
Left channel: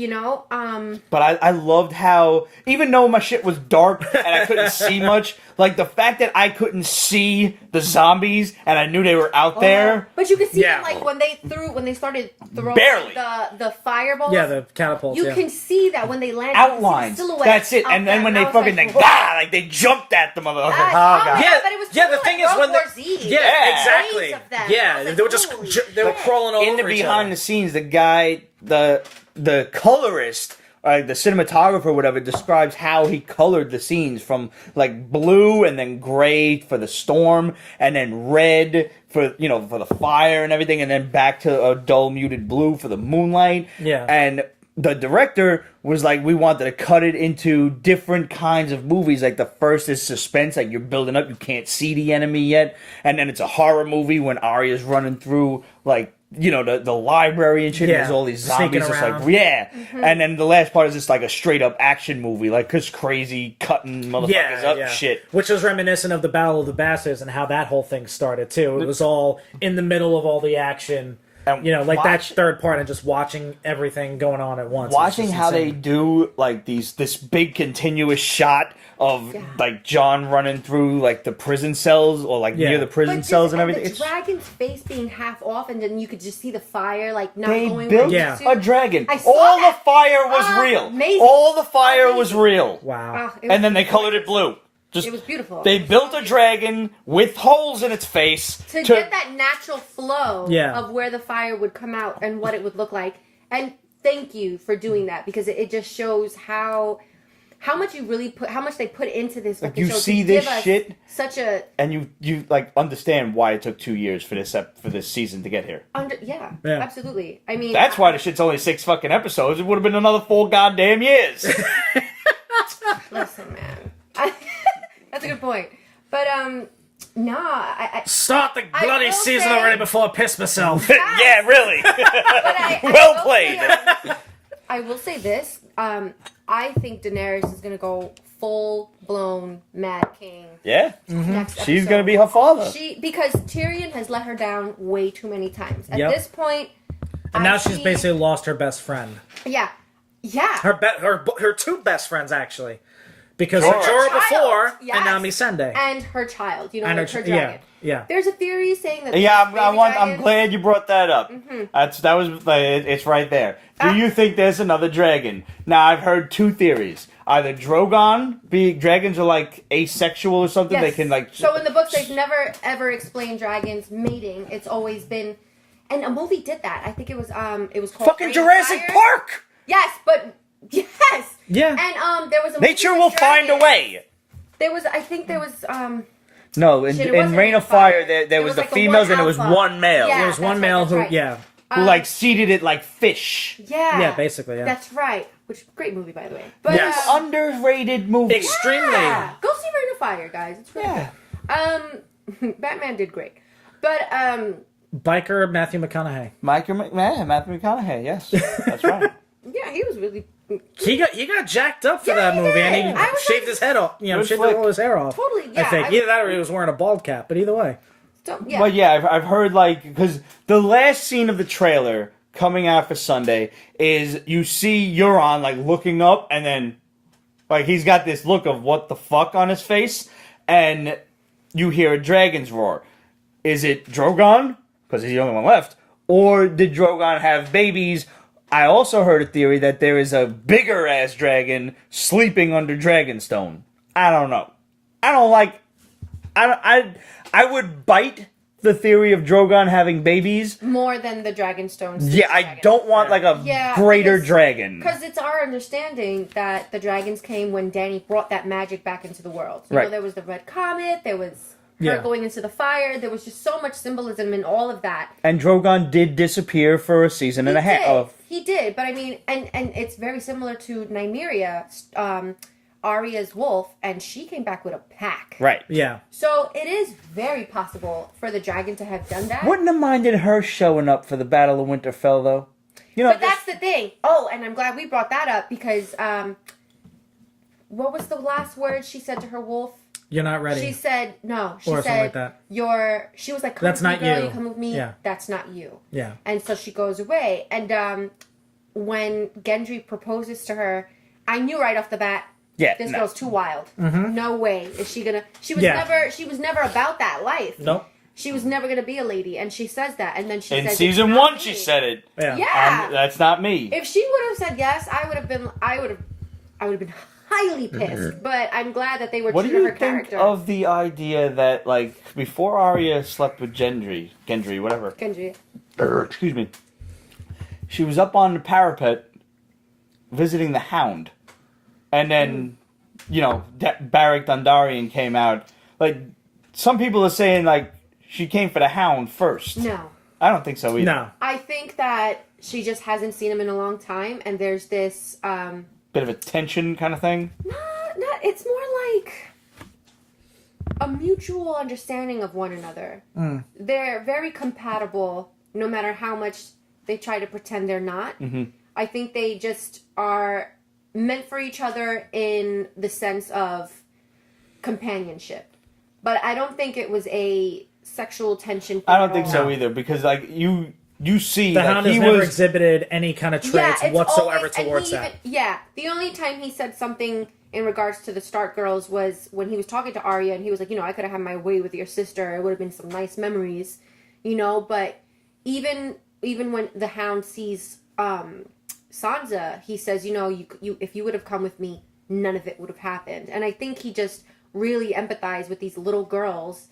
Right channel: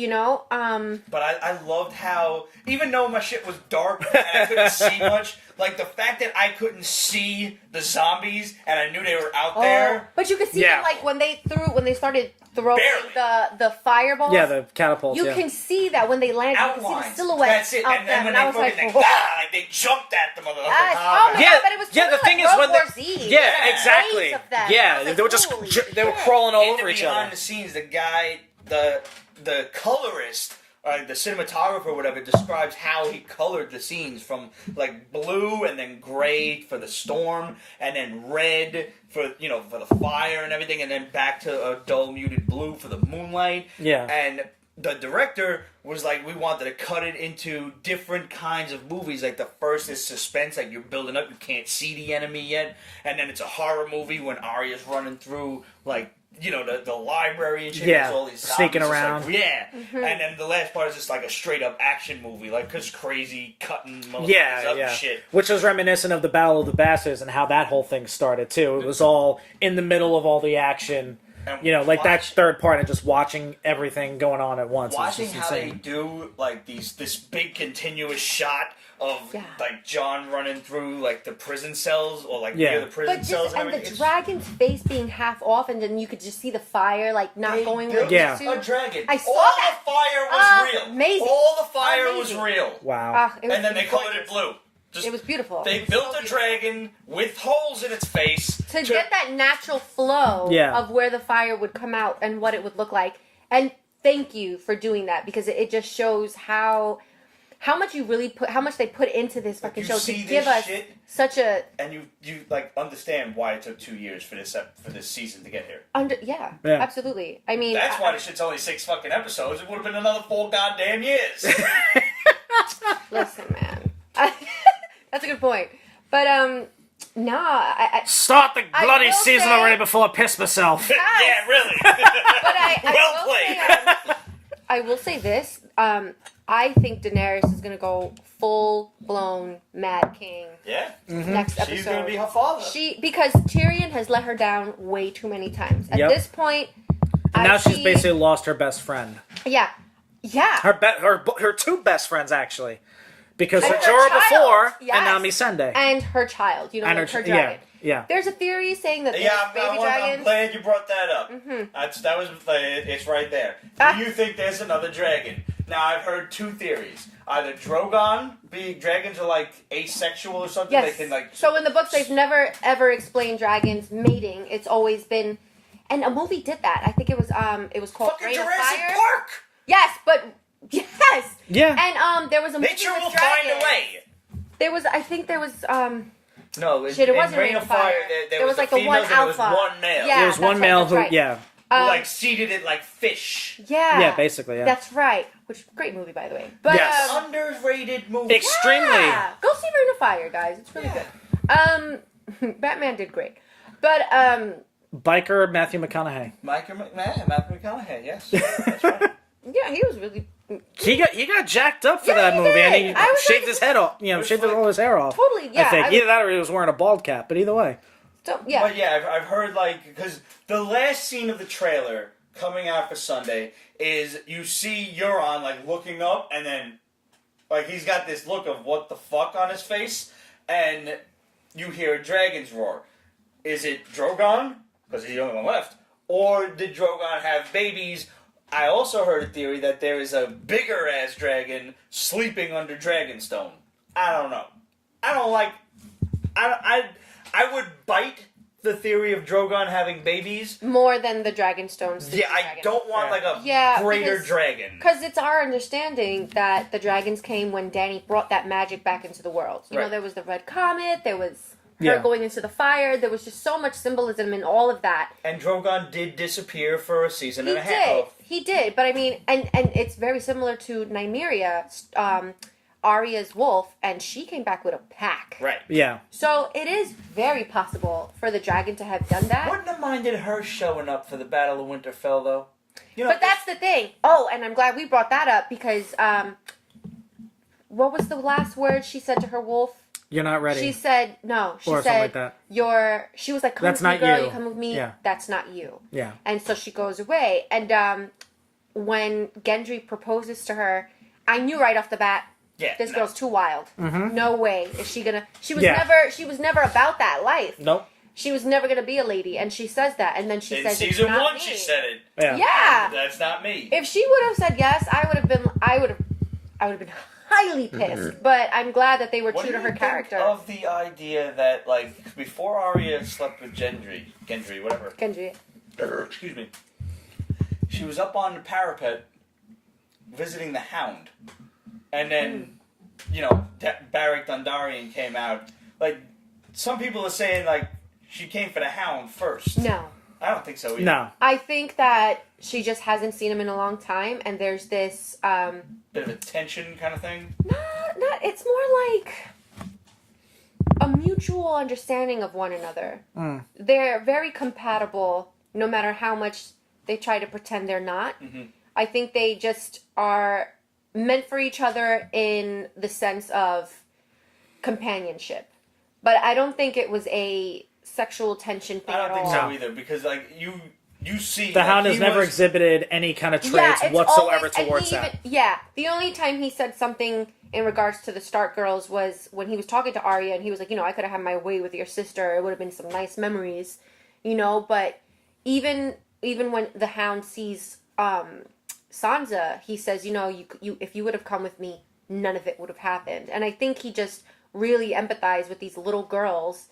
But I loved how, even though my shit was dark and I couldn't see much, like the fact that I couldn't see the zombies and I knew they were out there. But you could see Yeah. them, like, when they started throwing Barely. the fireballs. Yeah, the catapults. You yeah. can see that when they land. You can see Outlines. the silhouette. That's it. of And then them, when and they I was fucking like, they jumped at them. Yes. Oh my god, but it was Yeah, totally the like thing is World when War the- Z. Yeah, Waves exactly. of them. Yeah, I was like, they were just holy they were shit. crawling over in the each behind other. the scenes, the guy, the colorist, the cinematographer, or whatever, describes how he colored the scenes from like blue and then gray for the storm, and then red for for the fire and everything, and then back to a dull muted blue for the moonlight. Yeah. And the director was like, we wanted to cut it into different kinds of movies. Like the first is suspense, like you're building up, you can't see the enemy yet, and then it's a horror movie when Arya's running through like the library and shit. Yeah. And there's all these Sneaking zombies. It's like, around. yeah. And then the last part is just like a straight up action movie, like just crazy cutting motherfuckers up shit. Which is reminiscent of the Battle of the Bastards and how that whole thing started too. It was all in the middle of all the action. And that third part of just watching everything going on at once. Watching how they do like this big continuous shot of like John running through like the prison cells or like near the prison cells and everything. The dragon's face being half off, and then you could just see the fire like not going where it used to. A dragon. I saw all that. the fire was real. Amazing. All the fire was real. Wow. And then they colored it blue. It was beautiful. They built a dragon with holes in its face to get that natural flow Yeah. of where the fire would come out and what it would look like. And thank you for doing that, because it just shows how much you really how much they put into this fucking show see to this give us shit, such a and you like understand why it took 2 years for this season to get here. yeah, absolutely. I mean, That's why the shit's only 6 fucking episodes. It would have been another 4 goddamn years. listen, man. That's a good point. But I Start the I bloody will season say- already before I piss myself. Yeah, really. but I Well will played. Say, I will say this. I think Daenerys is gonna go full blown Mad King Yeah. next episode. She's gonna be her father. Because Tyrion has let her down way too many times. At Yep. this point, Now she's basically lost her best friend. yeah. Her 2 best friends actually, because And of her Jorah child, before yes. and now Missandei. And her child, And like her dragon. Yeah. There's a theory saying that Yeah, there's baby I'm dragons. glad you brought that up. It's right there. Do you think there's another dragon? Now I've heard 2 theories. Either dragons are like asexual or something. Yes. They can like. So in the books, they've never ever explained dragons mating. It's always been, and a movie did that. I think it was called fucking Reign of Jurassic Fire. Park. Yes, but yes. Yeah. And there was a movie Nature with will find a dragons. way. I think there was No, in Shit, it wasn't Reign of Fire. Fire, there There was was the like the females one and there was alpha. one male. Yeah. There was that's one right, male that's who, right. Who like seeded it like fish. Yeah, basically. Yeah. That's right. Which great movie, by the way. But Yes. Underrated movie. Extremely. yeah, go see Reign of Fire, guys. It's really good. Batman did great, but Biker Matthew McConaughey. Matthew McConaughey. Yes, that's right. yeah, he was really He got jacked up for Yeah, that he movie. did. And I was shaved like- his head off. Good Shaved flick. all his hair off. totally. Yeah, I I think. Either that or he was wearing a bald cap. But either way. so, yeah. But yeah, I've heard like because the last scene of the trailer coming out for Sunday is you see Euron like looking up and then like he's got this look of what the fuck on his face and you hear a dragon's roar. Is it Drogon? Because he's the only one left. Or did Drogon have babies? I also heard a theory that there is a bigger ass dragon sleeping under Dragonstone. I don't know. I don't like. I would bite the theory of Drogon having babies. More than the Dragonstone. Yeah, I don't want like a greater dragon. Because it's our understanding that the dragons came when Dany brought that magic back into the world. You know, there was the Red Comet, there was her going into the fire, there was just so much symbolism in all of that. And Drogon did disappear for a season and a half. He did, but I mean, and it's very similar to Nymeria, Arya's wolf, and she came back with a pack. Right. Yeah. So it is very possible for the dragon to have done that. Wouldn't have minded her showing up for the Battle of Winterfell, though. You know, But that's the thing. Oh, and I'm glad we brought that up because what was the last word she said to her wolf? You're not ready. She said no. She Or said something like that. She was like, "Come That's with me, not girl. you." You come with me. Yeah. That's not you." Yeah. And so she goes away. And when Gendry proposes to her, I knew right off the bat. Yeah, This no. girl's too wild. No way is she gonna. She was Yeah. never about that life. Nope. She was never gonna be a lady, and she says that, and then she in says season it's not 1, me. she said it. Yeah. That's not me. If she would have said yes, I would have been highly pissed. But I'm glad that they were What true do to you her think character. of the idea that, like, before Arya slept with Gendry, whatever. Gendry. Excuse me. She was up on the parapet visiting the Hound. And then, Beric Dondarrion came out. Like, some people are saying, like, she came for the Hound first. No. I don't think so either. No. I think that she just hasn't seen him in a long time, and there's this, Bit of a tension kind of thing. not, it's more like a mutual understanding of one another. They're very compatible no matter how much they try to pretend they're not. Mm-hmm. I think they just are meant for each other in the sense of companionship. But I don't think it was a sexual tension thing I don't at think all. so either, because like you see The that Hound he has never was exhibited any kind of traits Yeah, it's whatsoever always, and towards he even, that. the only time he said something in regards to the Stark girls was when he was talking to Arya, and he was like, I could have had my way with your sister. It would have been some nice memories, but even when the Hound sees Sansa, he says, you if you would have come with me, none of it would have happened. And I think he just really empathized with these little girls.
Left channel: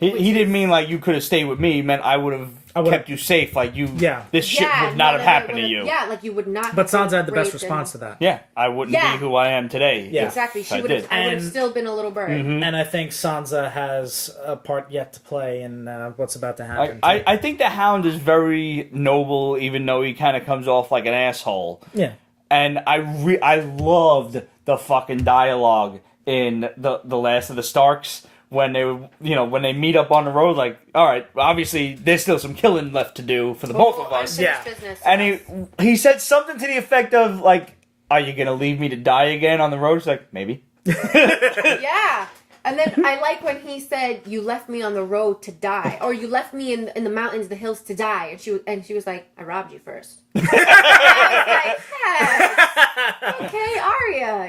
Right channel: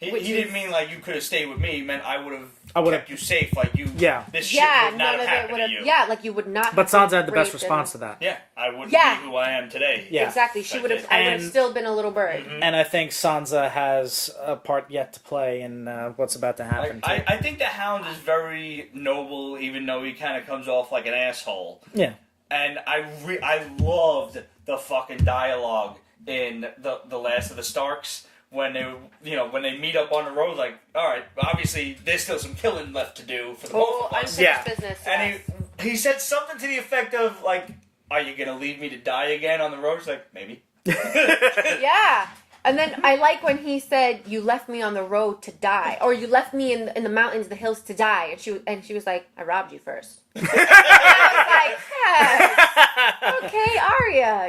He didn't mean like you could have stayed with me. He meant I would have kept you safe. Like you, this shit would not have happened to you. Yeah, like you would not. But have Sansa had the best raped response to that. Yeah, I wouldn't be who I am today. Yeah. Exactly. She would have. I would have still been a little bird. And I think Sansa has a part yet to play in what's about to happen. I think the Hound is very noble, even though he kind of comes off like an asshole. Yeah. And I loved the fucking dialogue in the Last of the Starks. When they meet up on the road, like, all right, obviously there's still some killing left to do for the both of us. Unfinished business. And he said something to the effect of like, "Are you gonna leave me to die again on the road?" She's like, "Maybe." Yeah. And then I like when he said, "You left me on the road to die, or you left me in the mountains, the hills to die." And she was like, "I robbed you first." I was like, "Yes, okay, Arya."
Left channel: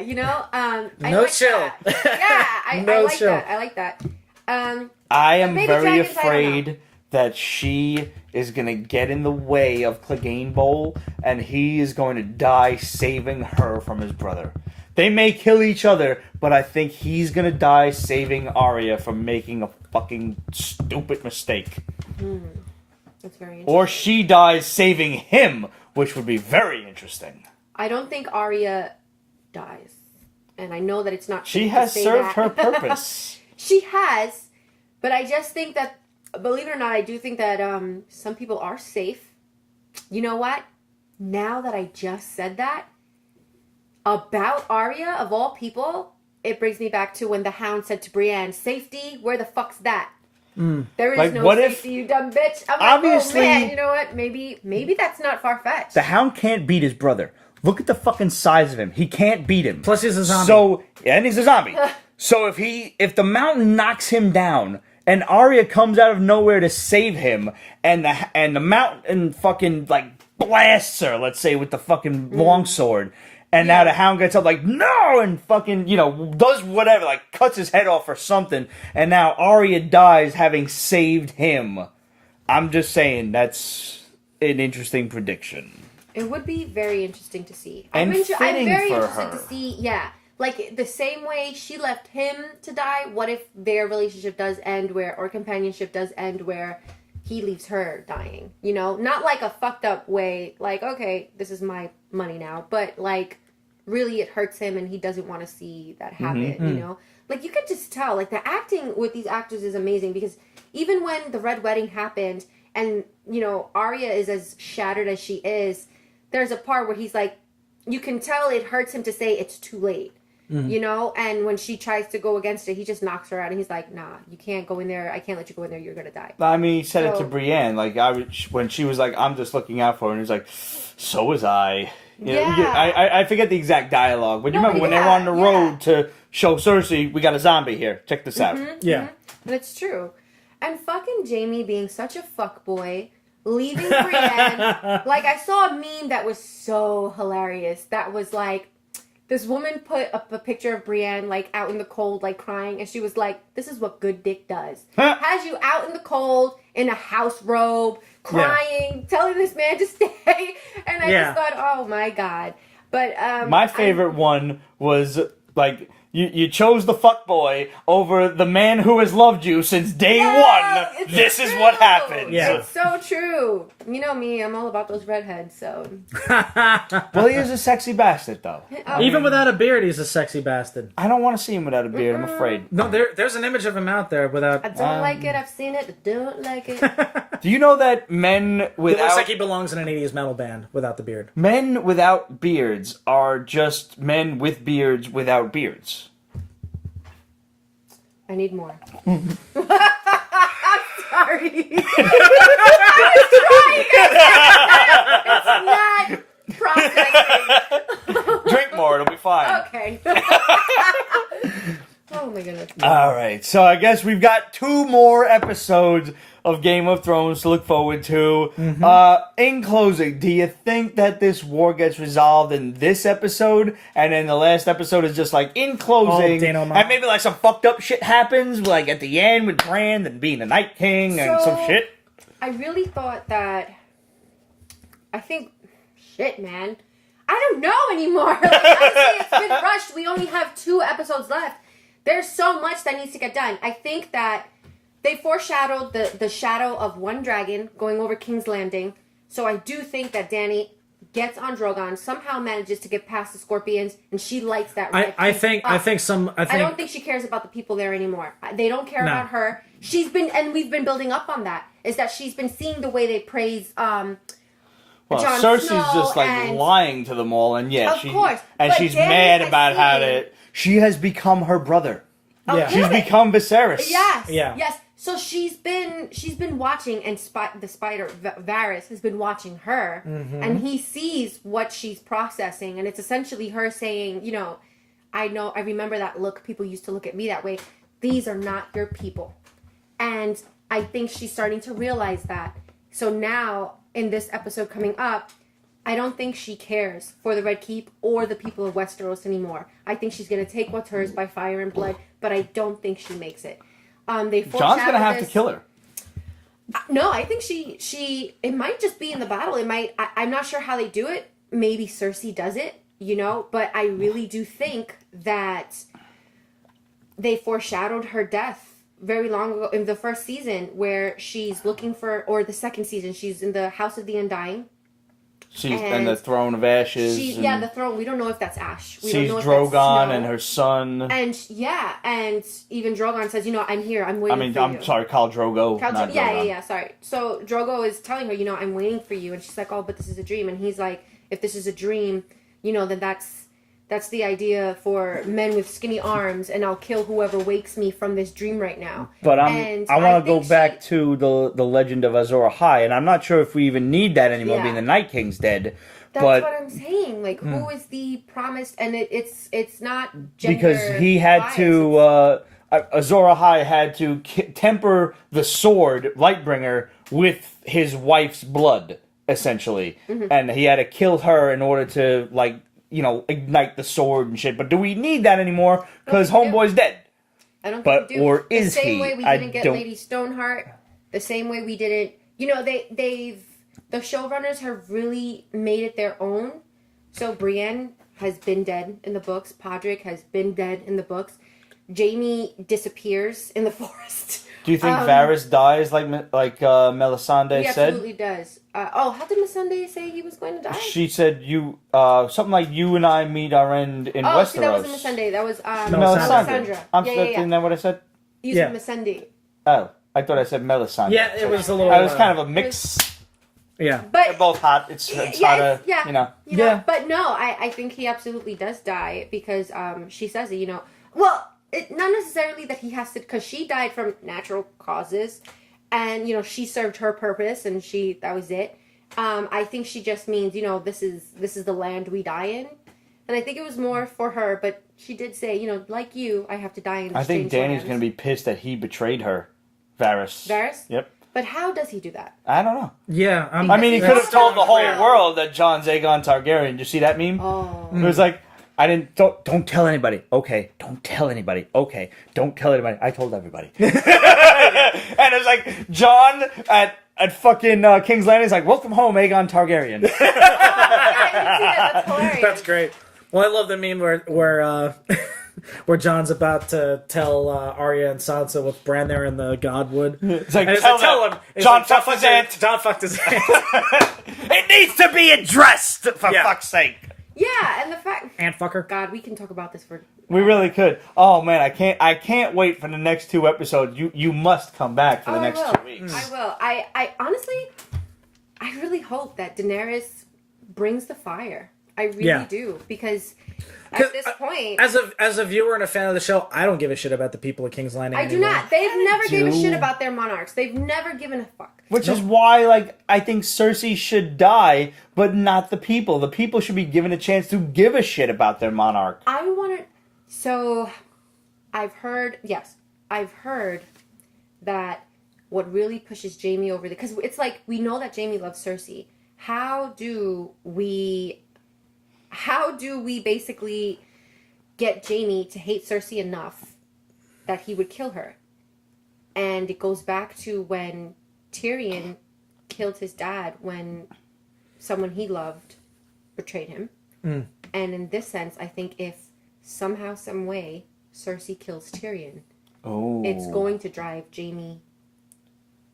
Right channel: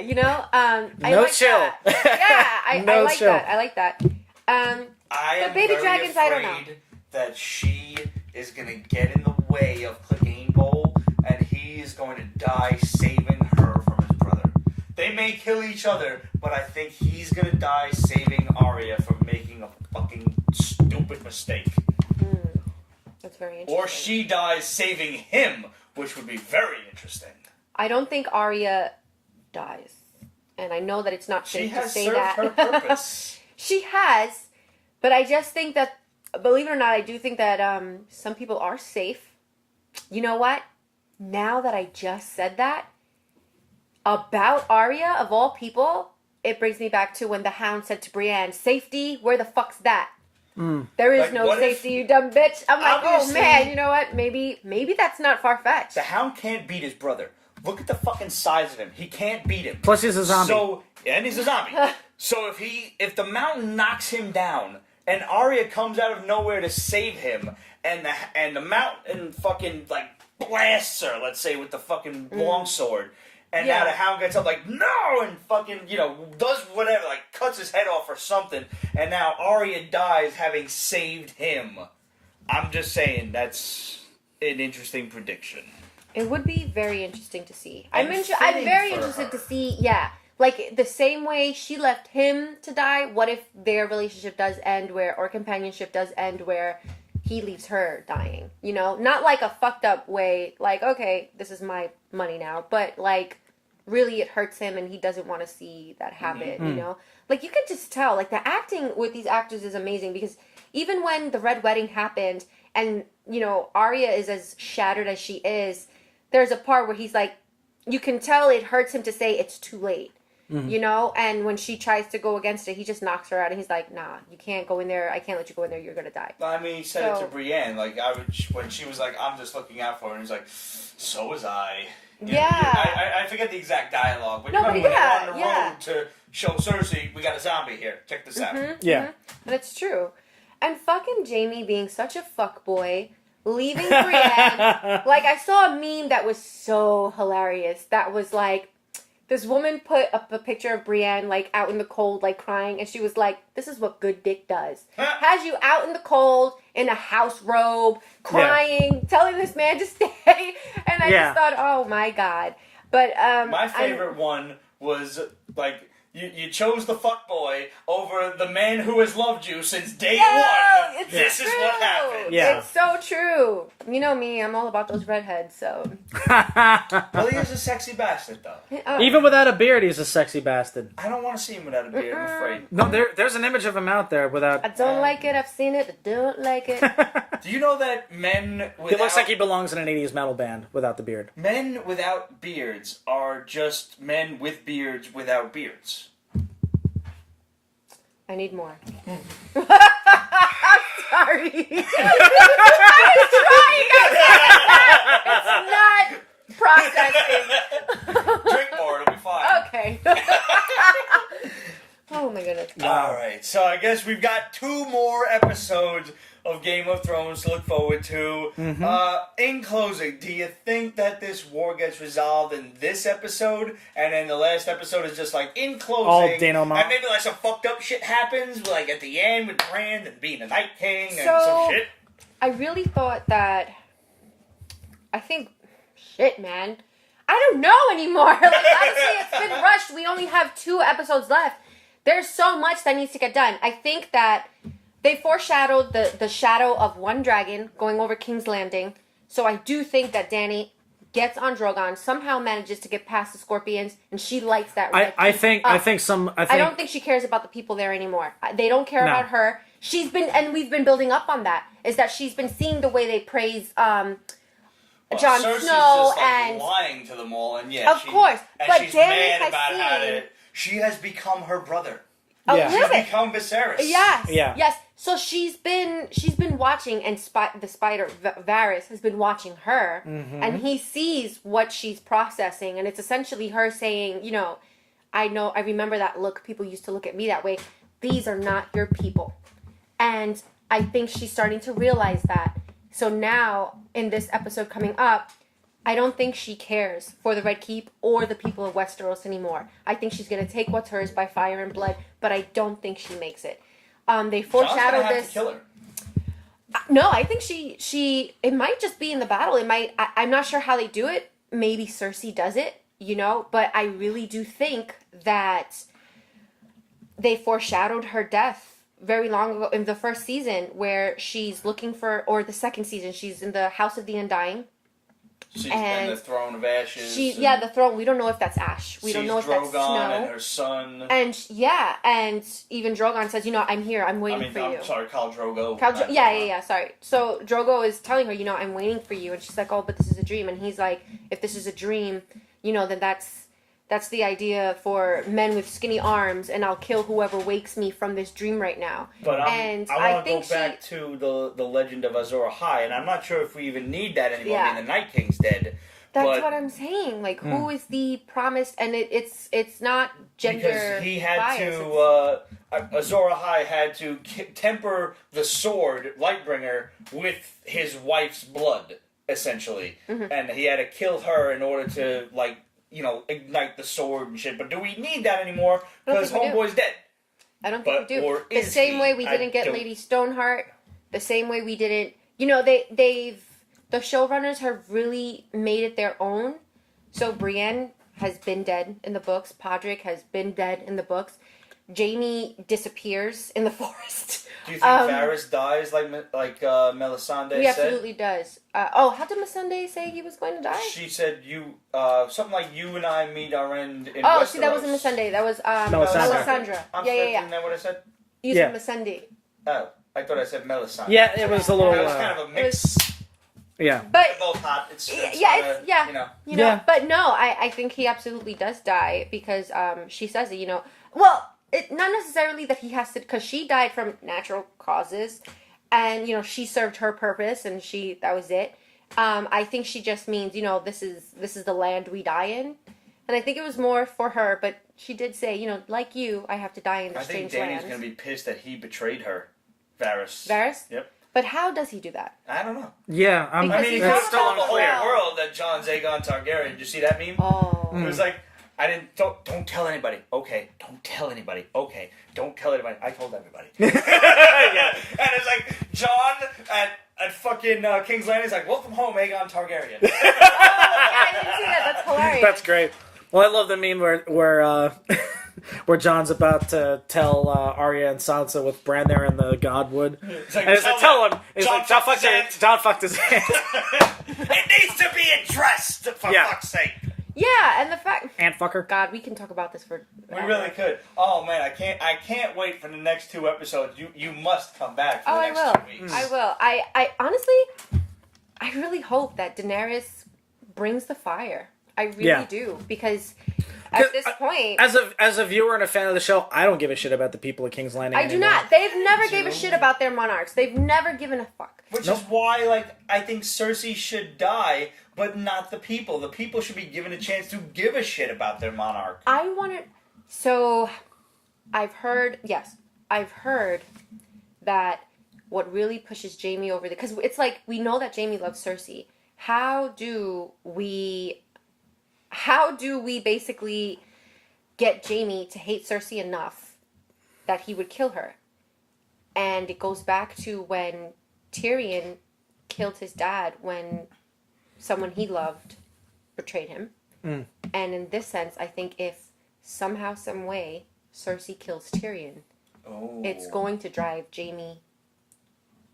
I like that. Yeah, I like that. I like that. I am Baby very Dragons, I don't know. afraid that she is gonna get in the way of Clegane Bowl, and he is going to die saving her from his brother. They may kill each other, but I think he's gonna die saving Arya from making a fucking stupid mistake. That's very interesting. Or she dies saving him, which would be very interesting. I don't think Arya dies, and I know that it's not. She safe has to say served that. her purpose. She has, but I just think that, believe it or not, I do think that some people are safe. You know what? Now that I just said that about Arya, of all people, it brings me back to when the Hound said to Brienne, "Safety? Where the fuck's that?" There is Like, no what if- safety, you dumb bitch. I'm like, Obviously- oh man, you know what? Maybe that's not far fetched. The Hound can't beat his brother. Look at the fucking size of him. He can't beat him. Plus he's a zombie. So, and he's a zombie. So if the mountain knocks him down and Arya comes out of nowhere to save him, and the mountain fucking like blasts her, let's say, with the fucking longsword, and now the Hound gets up like, no, and fucking, does whatever, like cuts his head off or something, and now Arya dies having saved him. I'm just saying that's an interesting prediction. It would be very interesting to see. And I'm fitting very for interested her. to see, like the same way she left him to die. What if their relationship does end or companionship does end where he leaves her dying? Not like a fucked up way, like, okay, this is my money now, but like really it hurts him and he doesn't want to see that happen, Like you could just tell, like the acting with these actors is amazing because even when the Red Wedding happened and, Arya is as shattered as she is, there's a part where he's like, you can tell it hurts him to say it's too late, and when she tries to go against it, he just knocks her out and he's like, nah, you can't go in there. I can't let you go in there. You're going to die. I mean, he said it to Brienne. Like, when she was like, I'm just looking out for her, and he's like, so was I. I forget the exact dialogue, but you remember when they were on the road to show Cersei, we got a zombie here. Check this out. Yeah. And it's true. And fucking Jaime being such a fuckboy, leaving Brienne. Like, I saw a meme that was so hilarious. That was like, this woman put up a picture of Brienne, like, out in the cold, like, crying. And she was like, this is what good dick does. Has you out in the cold, in a house robe, crying, telling this man to stay. And I just thought, oh, my God. But, my favorite one was, like, you chose the fuckboy over the man who has loved you since day one. This is what happened. Yeah. It's so true. You know me, I'm all about those redheads, so. Well, he is a sexy bastard, though. Even without a beard, he's a sexy bastard. I don't want to see him without a beard, I'm afraid. No, there's an image of him out there without. I don't like it, I've seen it, I don't like it. Do you know that men He without... looks like he belongs in an 80s metal band without the beard. Men without beards are just men with beards without beards. I need more. Sorry. yes, we've got 2 more episodes of Game of Thrones to look forward to. In closing, do you think that this war gets resolved in this episode, and then the last episode is just like, in closing, and maybe like some fucked up shit happens, like at the end with Bran and being the Night King and some shit? I really thought that... Shit, man. I don't know anymore. Like, honestly, it's been rushed. We only have 2 episodes left. There's so much that needs to get done. I think that they foreshadowed the shadow of one dragon going over King's Landing. So I do think that Dany gets on Drogon, somehow manages to get past the Scorpions, and she lights that red I don't think she cares about the people there anymore. They don't care about her. And we've been building up on that, is that she's been seeing the way they praise Jon Cersei's Snow just like and lying to them all, and of course, and but she's Dany mad has about how seen- to. She has become her brother. a She's little bit. become Viserys. Yes. So she's been watching, and the spider Varys has been watching her, and he sees what she's processing, and it's essentially her saying, you know, I remember that look. People used to look at me that way. These are not your people, and I think she's starting to realize that. So now, in this episode coming up, I don't think she cares for the Red Keep or the people of Westeros anymore. I think she's going to take what's hers by fire and blood, but I don't think she makes it. They foreshadowed Jon's gonna have this. to kill her. No, I think she. It might just be in the battle. It might. I'm not sure how they do it. Maybe Cersei does it, you know. But I really do think that they foreshadowed her death very long ago in the first season, where she's looking for, or the second season, she's in the House of the Undying. She's in the Throne of Ashes. The throne. We don't know if that's Ash. We don't know if that's Snow. Drogon and her son. And even Drogon says, you know, I'm here. I'm waiting for you. I'm sorry, Khal Drogo. Sorry. So Drogo is telling her, you know, I'm waiting for you, and she's like, oh, but this is a dream. And he's like, if this is a dream, you know, then that's the idea for men with skinny arms, and I'll kill whoever wakes me from this dream right now. But I want to go back to the legend of Azor Ahai, and I'm not sure if we even need that anymore, being the Night King's dead. That's what I'm saying. Like, who is the promised? And it's not gender because he had bias. to. Azor Ahai had to temper the sword, Lightbringer, with his wife's blood, essentially, and he had to kill her in order to ignite the sword and shit. But do we need that anymore? Because Homeboy's dead. I don't think we do. Or is the same he? way we didn't get Lady Stoneheart. The same way we didn't. You know, the showrunners have really made it their own. So Brienne has been dead in the books. Podrick has been dead in the books. Jaime disappears in the forest. Do you think Varys dies like Melisandre said? He absolutely does. How did Missandei say he was going to die? She said something like, you and I meet our end in Westeros. See, that wasn't Missandei. That was Melisandre. Yeah. Isn't that what I said? You said Missandei. Oh, I thought I said Melisandre. Yeah, it was a little... It was kind of a mix. Yeah. But they're both hot. It's hot, you know. But no, I think he absolutely does die, because she says it, you know. Well, not necessarily that he has to, because she died from natural causes, and, you know, she served her purpose, and that was it. I think she just means, you know, this is the land we die in. And I think it was more for her, but she did say, you know, like you, I have to die in the strange lands. I think Dany's going to be pissed that he betrayed her. Varys? Yep. But how does he do that? I don't know. Yeah. I mean, he could have told the whole world that Jon's Aegon Targaryen. Did you see that meme? Oh. It was like, don't tell anybody. Okay. Don't tell anybody. Okay. Don't tell anybody. I told everybody. And it's like, Jon at fucking King's Landing is like, welcome home, Aegon Targaryen. Oh, I didn't see that. That's hilarious. That's great. Well, I love the meme where Jon's about to tell Arya and Sansa with Bran there in the Godwood. It's like, tell him. Jon fucked his aunt. Jon fucked his aunt. It needs to be addressed, for fuck's sake. Yeah, and the fact... Aunt fucker. God, we can talk about this for... We really could. Oh, man, I can't wait for the next 2 episodes. You must come back for the next 2 weeks. I will. I honestly, I really hope that Daenerys brings the fire. I really do, because... At this point, as a viewer and a fan of the show, I don't give a shit about the people of King's Landing. I do not. They've never gave a shit about their monarchs. They've never given a fuck. Which is why, I think Cersei should die, but not the people. The people should be given a chance to give a shit about their monarch. So, I've heard, yes, I've heard that what really pushes Jaime over because it's like we know that Jaime loves Cersei. How do we basically get Jaime to hate Cersei enough that he would kill her? And it goes back to when Tyrion killed his dad when someone he loved betrayed him. And in this sense, I think if somehow, some way, Cersei kills Tyrion, it's going to drive Jaime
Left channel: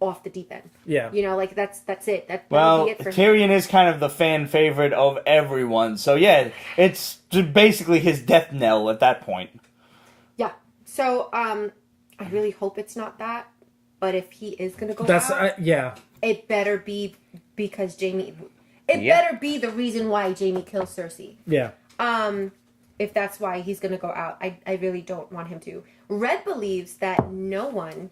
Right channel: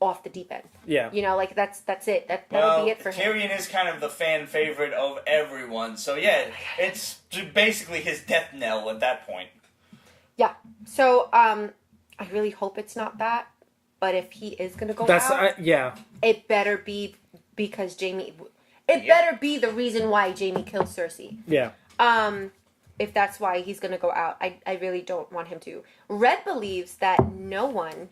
off the deep end. Yeah. You know, like that's it. That'll be it for him. Tyrion is kind of the fan favorite of everyone. So yeah, it's basically his death knell at that point. Yeah. So I really hope it's not that. But if he is going to go out, it better be because Jaime. It better be the reason why Jaime kills Cersei. Yeah. If that's why he's going to go out, I really don't want him to. Red believes that no one.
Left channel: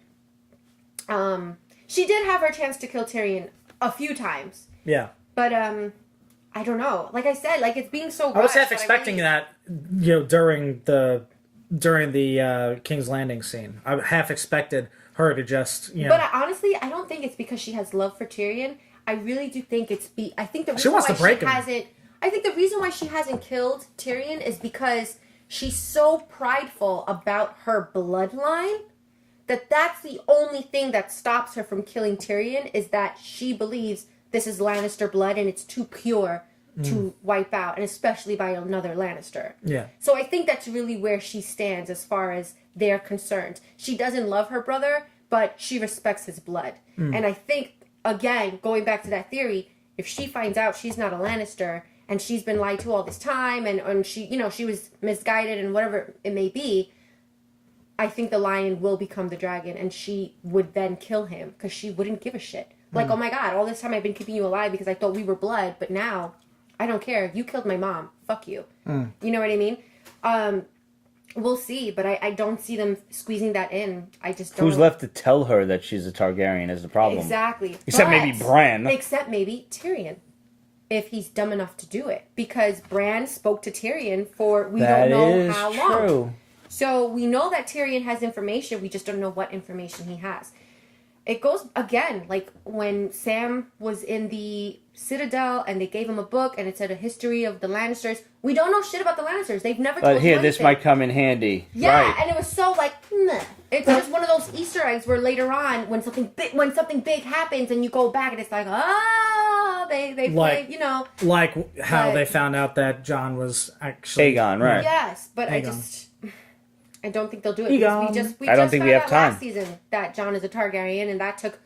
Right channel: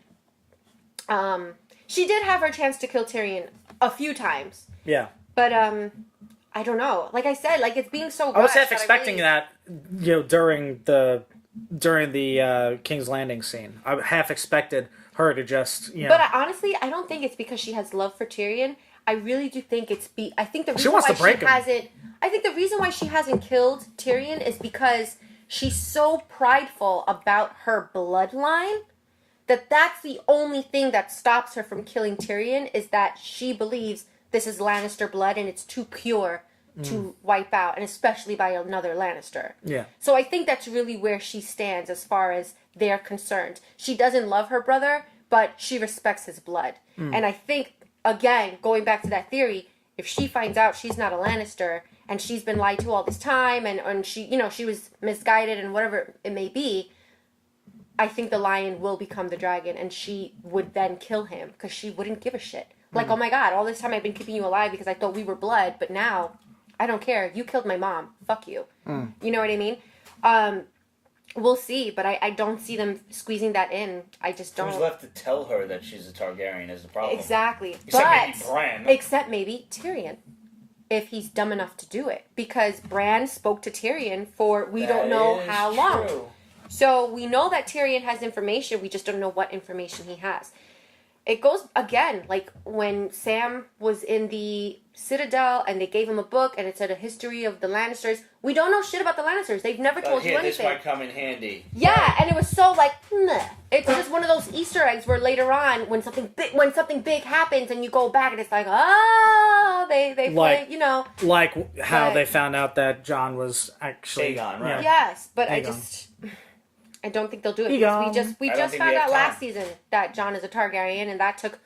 She did have her chance to kill Tyrion a few times. Yeah. But I don't know. Like I said, like it's being so rushed. I was half expecting that, you know, during the King's Landing scene. I half expected her to just, you know. But honestly, I don't think it's because she has love for Tyrion. I really do think I think the reason why she hasn't. I think the reason why she hasn't killed Tyrion is because she's so prideful about her bloodline that's the only thing that stops her from killing Tyrion is that she believes this is Lannister blood and it's too pure to wipe out, and especially by another Lannister. Yeah. So I think that's really where she stands as far as they're concerned. She doesn't love her brother, but she respects his blood. And I think, again, going back to that theory, if she finds out she's not a Lannister and she's been lied to all this time and she, you know, she was misguided and whatever it may be, I think the lion will become the dragon and she would then kill him because she wouldn't give a shit. Like, oh my God, all this time I've been keeping you alive because I thought we were blood, but now I don't care. You killed my mom. Fuck you. You know what I mean? We'll see, but I don't see them squeezing that in. I just don't. Who's left to tell her that she's a Targaryen is the problem. Exactly. Except maybe Bran. Except maybe Tyrion. If he's dumb enough to do it. Because Bran spoke to Tyrion for we don't know how long. True. So we know that Tyrion has information. We just don't know what information he has. It goes, again, like when Sam was in the Citadel and they gave him a book and it said a history of the Lannisters. We don't know shit about the Lannisters. They've never told you anything. This might come in handy. Yeah, right. And it was so like, meh. It's just one of those Easter eggs where later on, when something big happens and you go back and it's like, they play, you know. Like how they found out that Jon was actually... Aegon, right. Yes, but Aegon. I don't think they'll do it because we I don't just think found we have out last season that Jon is a Targaryen, and that took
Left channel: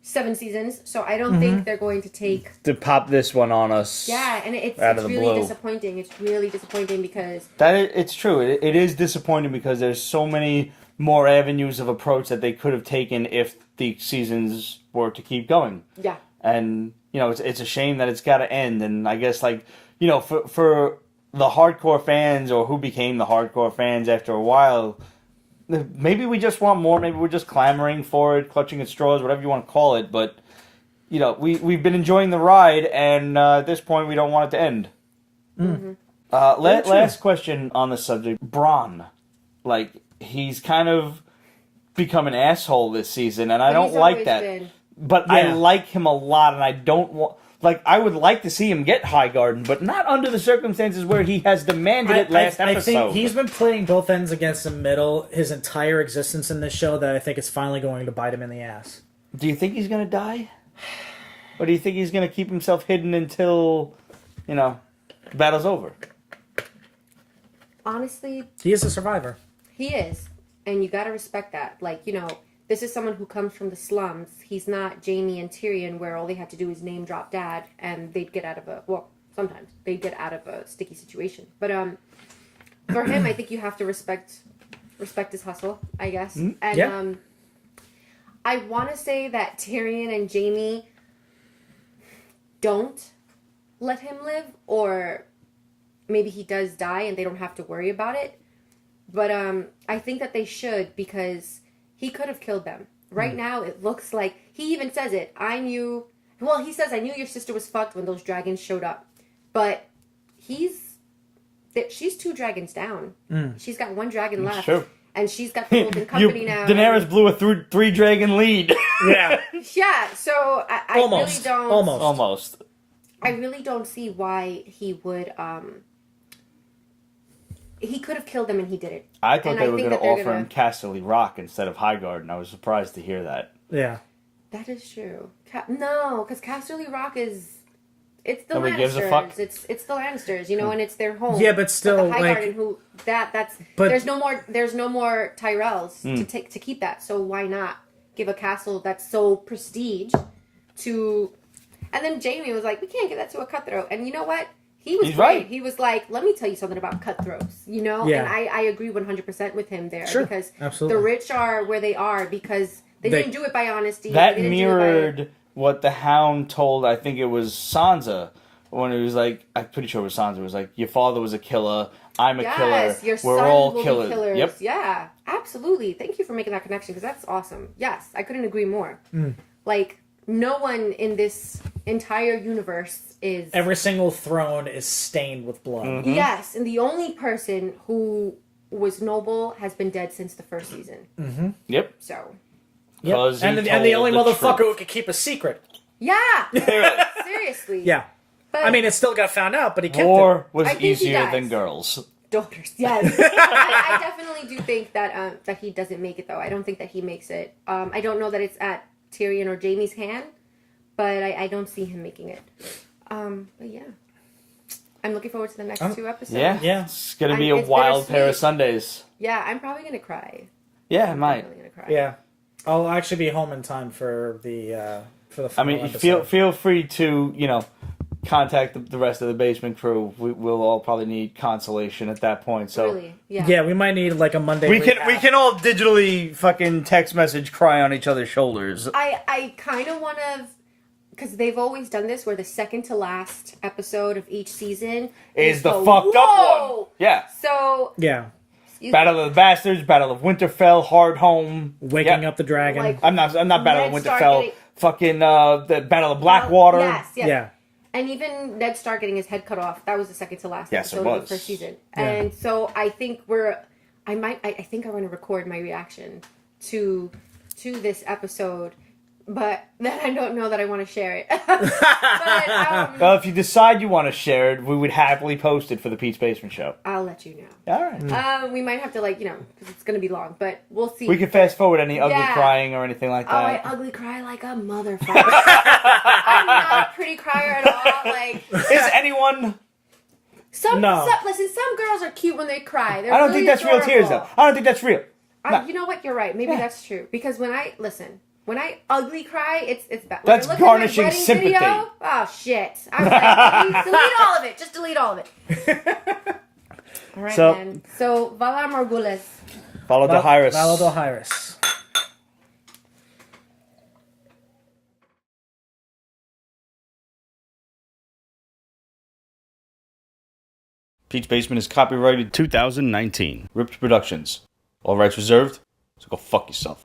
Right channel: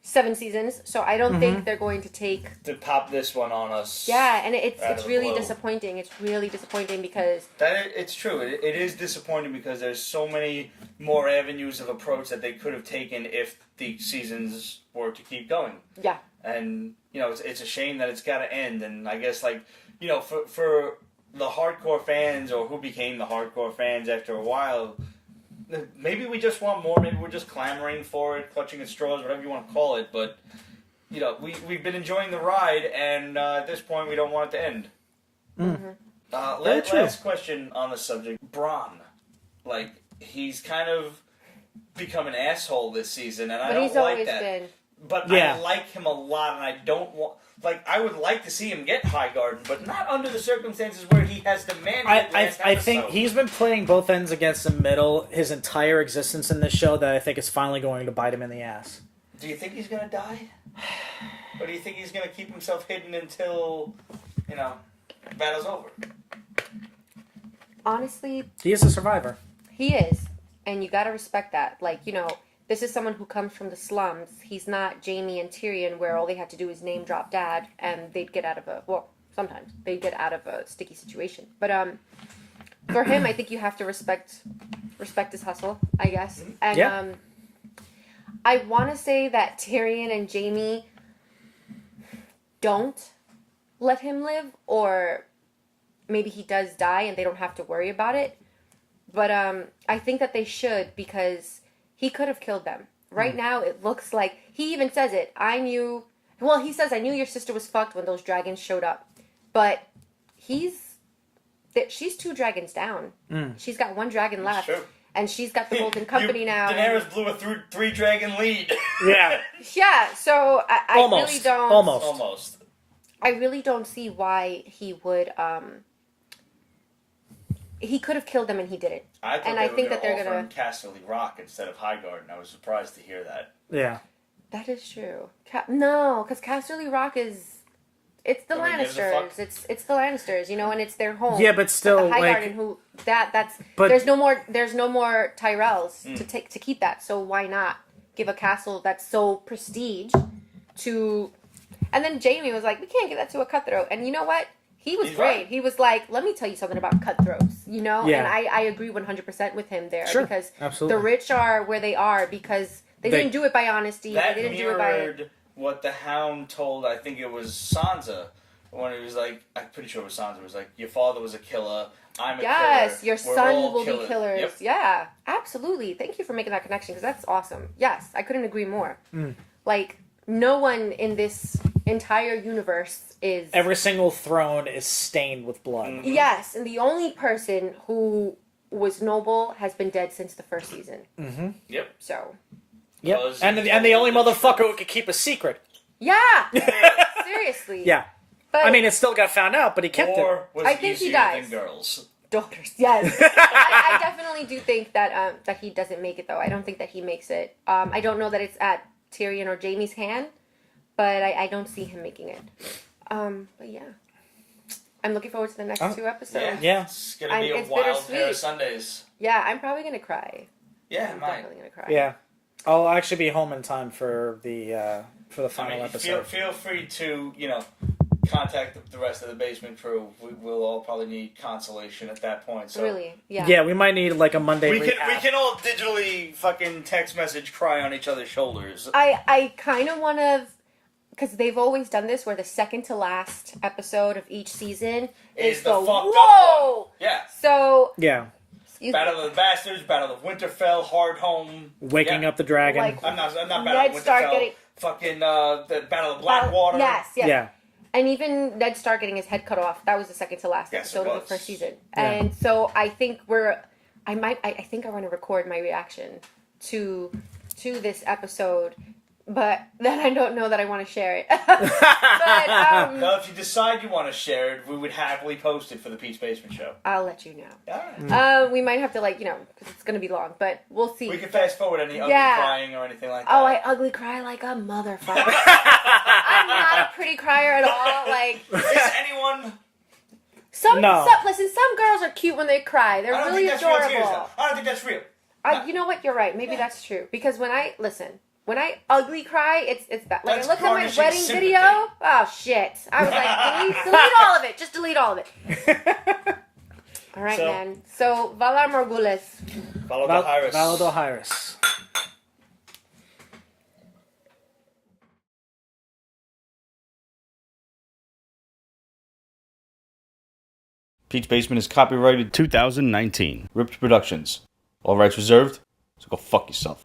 7 seasons. So I don't think they're going to take to pop this one on us. Yeah, and it's really blue. disappointing. It's really disappointing because it's true. It is disappointing because there's so many more avenues of approach that they could have taken if the seasons were to keep going. Yeah, and you know it's a shame that it's got to end. And I guess like you know for the hardcore fans or who became the hardcore fans after a while, maybe we just want more. Maybe we're just clamoring for it, clutching at straws, whatever you want to call it. But, you know, we've been enjoying the ride, and at this point we don't want it to end. Last question on the subject. Bronn. Like, he's kind of become an asshole this season, and I don't like that. But I like him a lot, and I don't want... Like, I would like to see him get Highgarden, but not under the circumstances where he has demanded it last episode. I think he's been playing both ends against the middle his entire existence in this show that I think is finally going to bite him in the ass. Do you think he's going to die? Or do you think he's going to keep himself hidden until, you know, the battle's over? Honestly... He is a survivor. He is. And you got to respect that. Like, you know... This is someone who comes from the slums. He's not Jaime and Tyrion, where all they had to do is name drop dad, and they'd get out of sometimes they'd get out of a sticky situation. But for him, I think you have to respect his hustle, I guess. And I want to say that Tyrion and Jaime don't let him live, or maybe he does die and they don't have to worry about it. But I think that they should, because he could have killed them. Right now, it looks like... He even says it. He says, I knew your sister was fucked when those dragons showed up. But she's 2 dragons down. She's got 1 dragon left. True. and she's got the Golden Company now. Daenerys blew a three dragon lead. Yeah. Yeah, so I really don't. Almost. I really don't see why he would. He could have killed them and he didn't. I thought and they were going to offer gonna... him Casterly Rock instead of Highgarden, and I was surprised to hear that. Yeah. That is true. No, because Casterly Rock is... It's the Lannisters. It's the Lannisters, and it's their home. Yeah, but still, but the Highgarden, But there's no more Tyrells to keep that. So why not give a castle that's so prestige to? And then Jaime was like, we can't give that to a cutthroat. And you know what? He's great. Right. He was like, let me tell you something about cutthroats, Yeah. And I agree 100% with him there because absolutely. The rich are where they are because they didn't do it by honesty. That they didn't mirrored do it by... what the Hound told, I think it was Sansa, when he was like, I'm pretty sure it was Sansa, it was like, your father was a killer, I'm a killer. Yes, your sons will be killers. Yep. Yeah, absolutely. Thank you for making that connection because that's awesome. Yes, I couldn't agree more. Like, no one in this entire universe is... Every single throne is stained with blood. Mm-hmm. Yes, and the only person who was noble has been dead since the first season. Mm-hmm. Yep. So... Yep. And the only motherfucker who could keep a secret. Yeah! Seriously. Yeah. But, I mean, it still got found out, but he kept War it. was I think easier he dies. than girls. Daughters, yes. I definitely do think that that he doesn't make it, though. I don't think that he makes it. I don't know that it's at Tyrion or Jaime's hand, but I don't see him making it. But yeah. I'm looking forward to the next 2 episodes. Yeah. It's going to be a wild pair of Sundays. Yeah, I'm probably going to cry. Yeah, it might. Definitely going to cry. Yeah. I'll actually be home in time for the final episode. feel free to, contact the rest of the basement crew. We'll all probably need consolation at that point. So Really? Yeah. Yeah, we might need like a Monday. we can all digitally fucking text message cry on each other's shoulders. I kind of want to, because they've always done this, where the second to last episode of each season Is the the fucked up whoa! one. Yeah. So Yeah. Battle of the Bastards, Battle of Winterfell, Hard Home. Waking up the dragon. Like, I'm not Battle of Ned Stark Winterfell. getting- Fucking the Battle of Blackwater. Yes. Yeah. And even Ned Stark getting his head cut off. That was the second to last Yes, it episode of was. the first season. And so I think I think I want to record my reaction to this episode, but then I don't know that I want to share it. But Well, if you decide you want to share it, we would happily post it for the Pete's Basement Show. I'll let you know. All right. We might have to because it's going to be long, but we'll see. We can fast forward any ugly crying or anything like that. Oh, I ugly cry like a motherfucker. I'm not a pretty crier at all. Like, is anyone? No. Listen, some girls are cute when they cry. They're I don't really think that's adorable. real tears, though. I don't think that's real. No. You know what? You're right. Maybe that's true. Because when I ugly cry, it's bad. When That's I look at my garnishing wedding sympathy. video, oh shit! I was like, delete all of it. Just delete all of it. All right, So- man. So Valar Morghulis. Follow the Hyris. Valadohyrus. Pete's Basement is copyrighted 2019. Ripped Productions. All rights reserved. So go fuck yourself.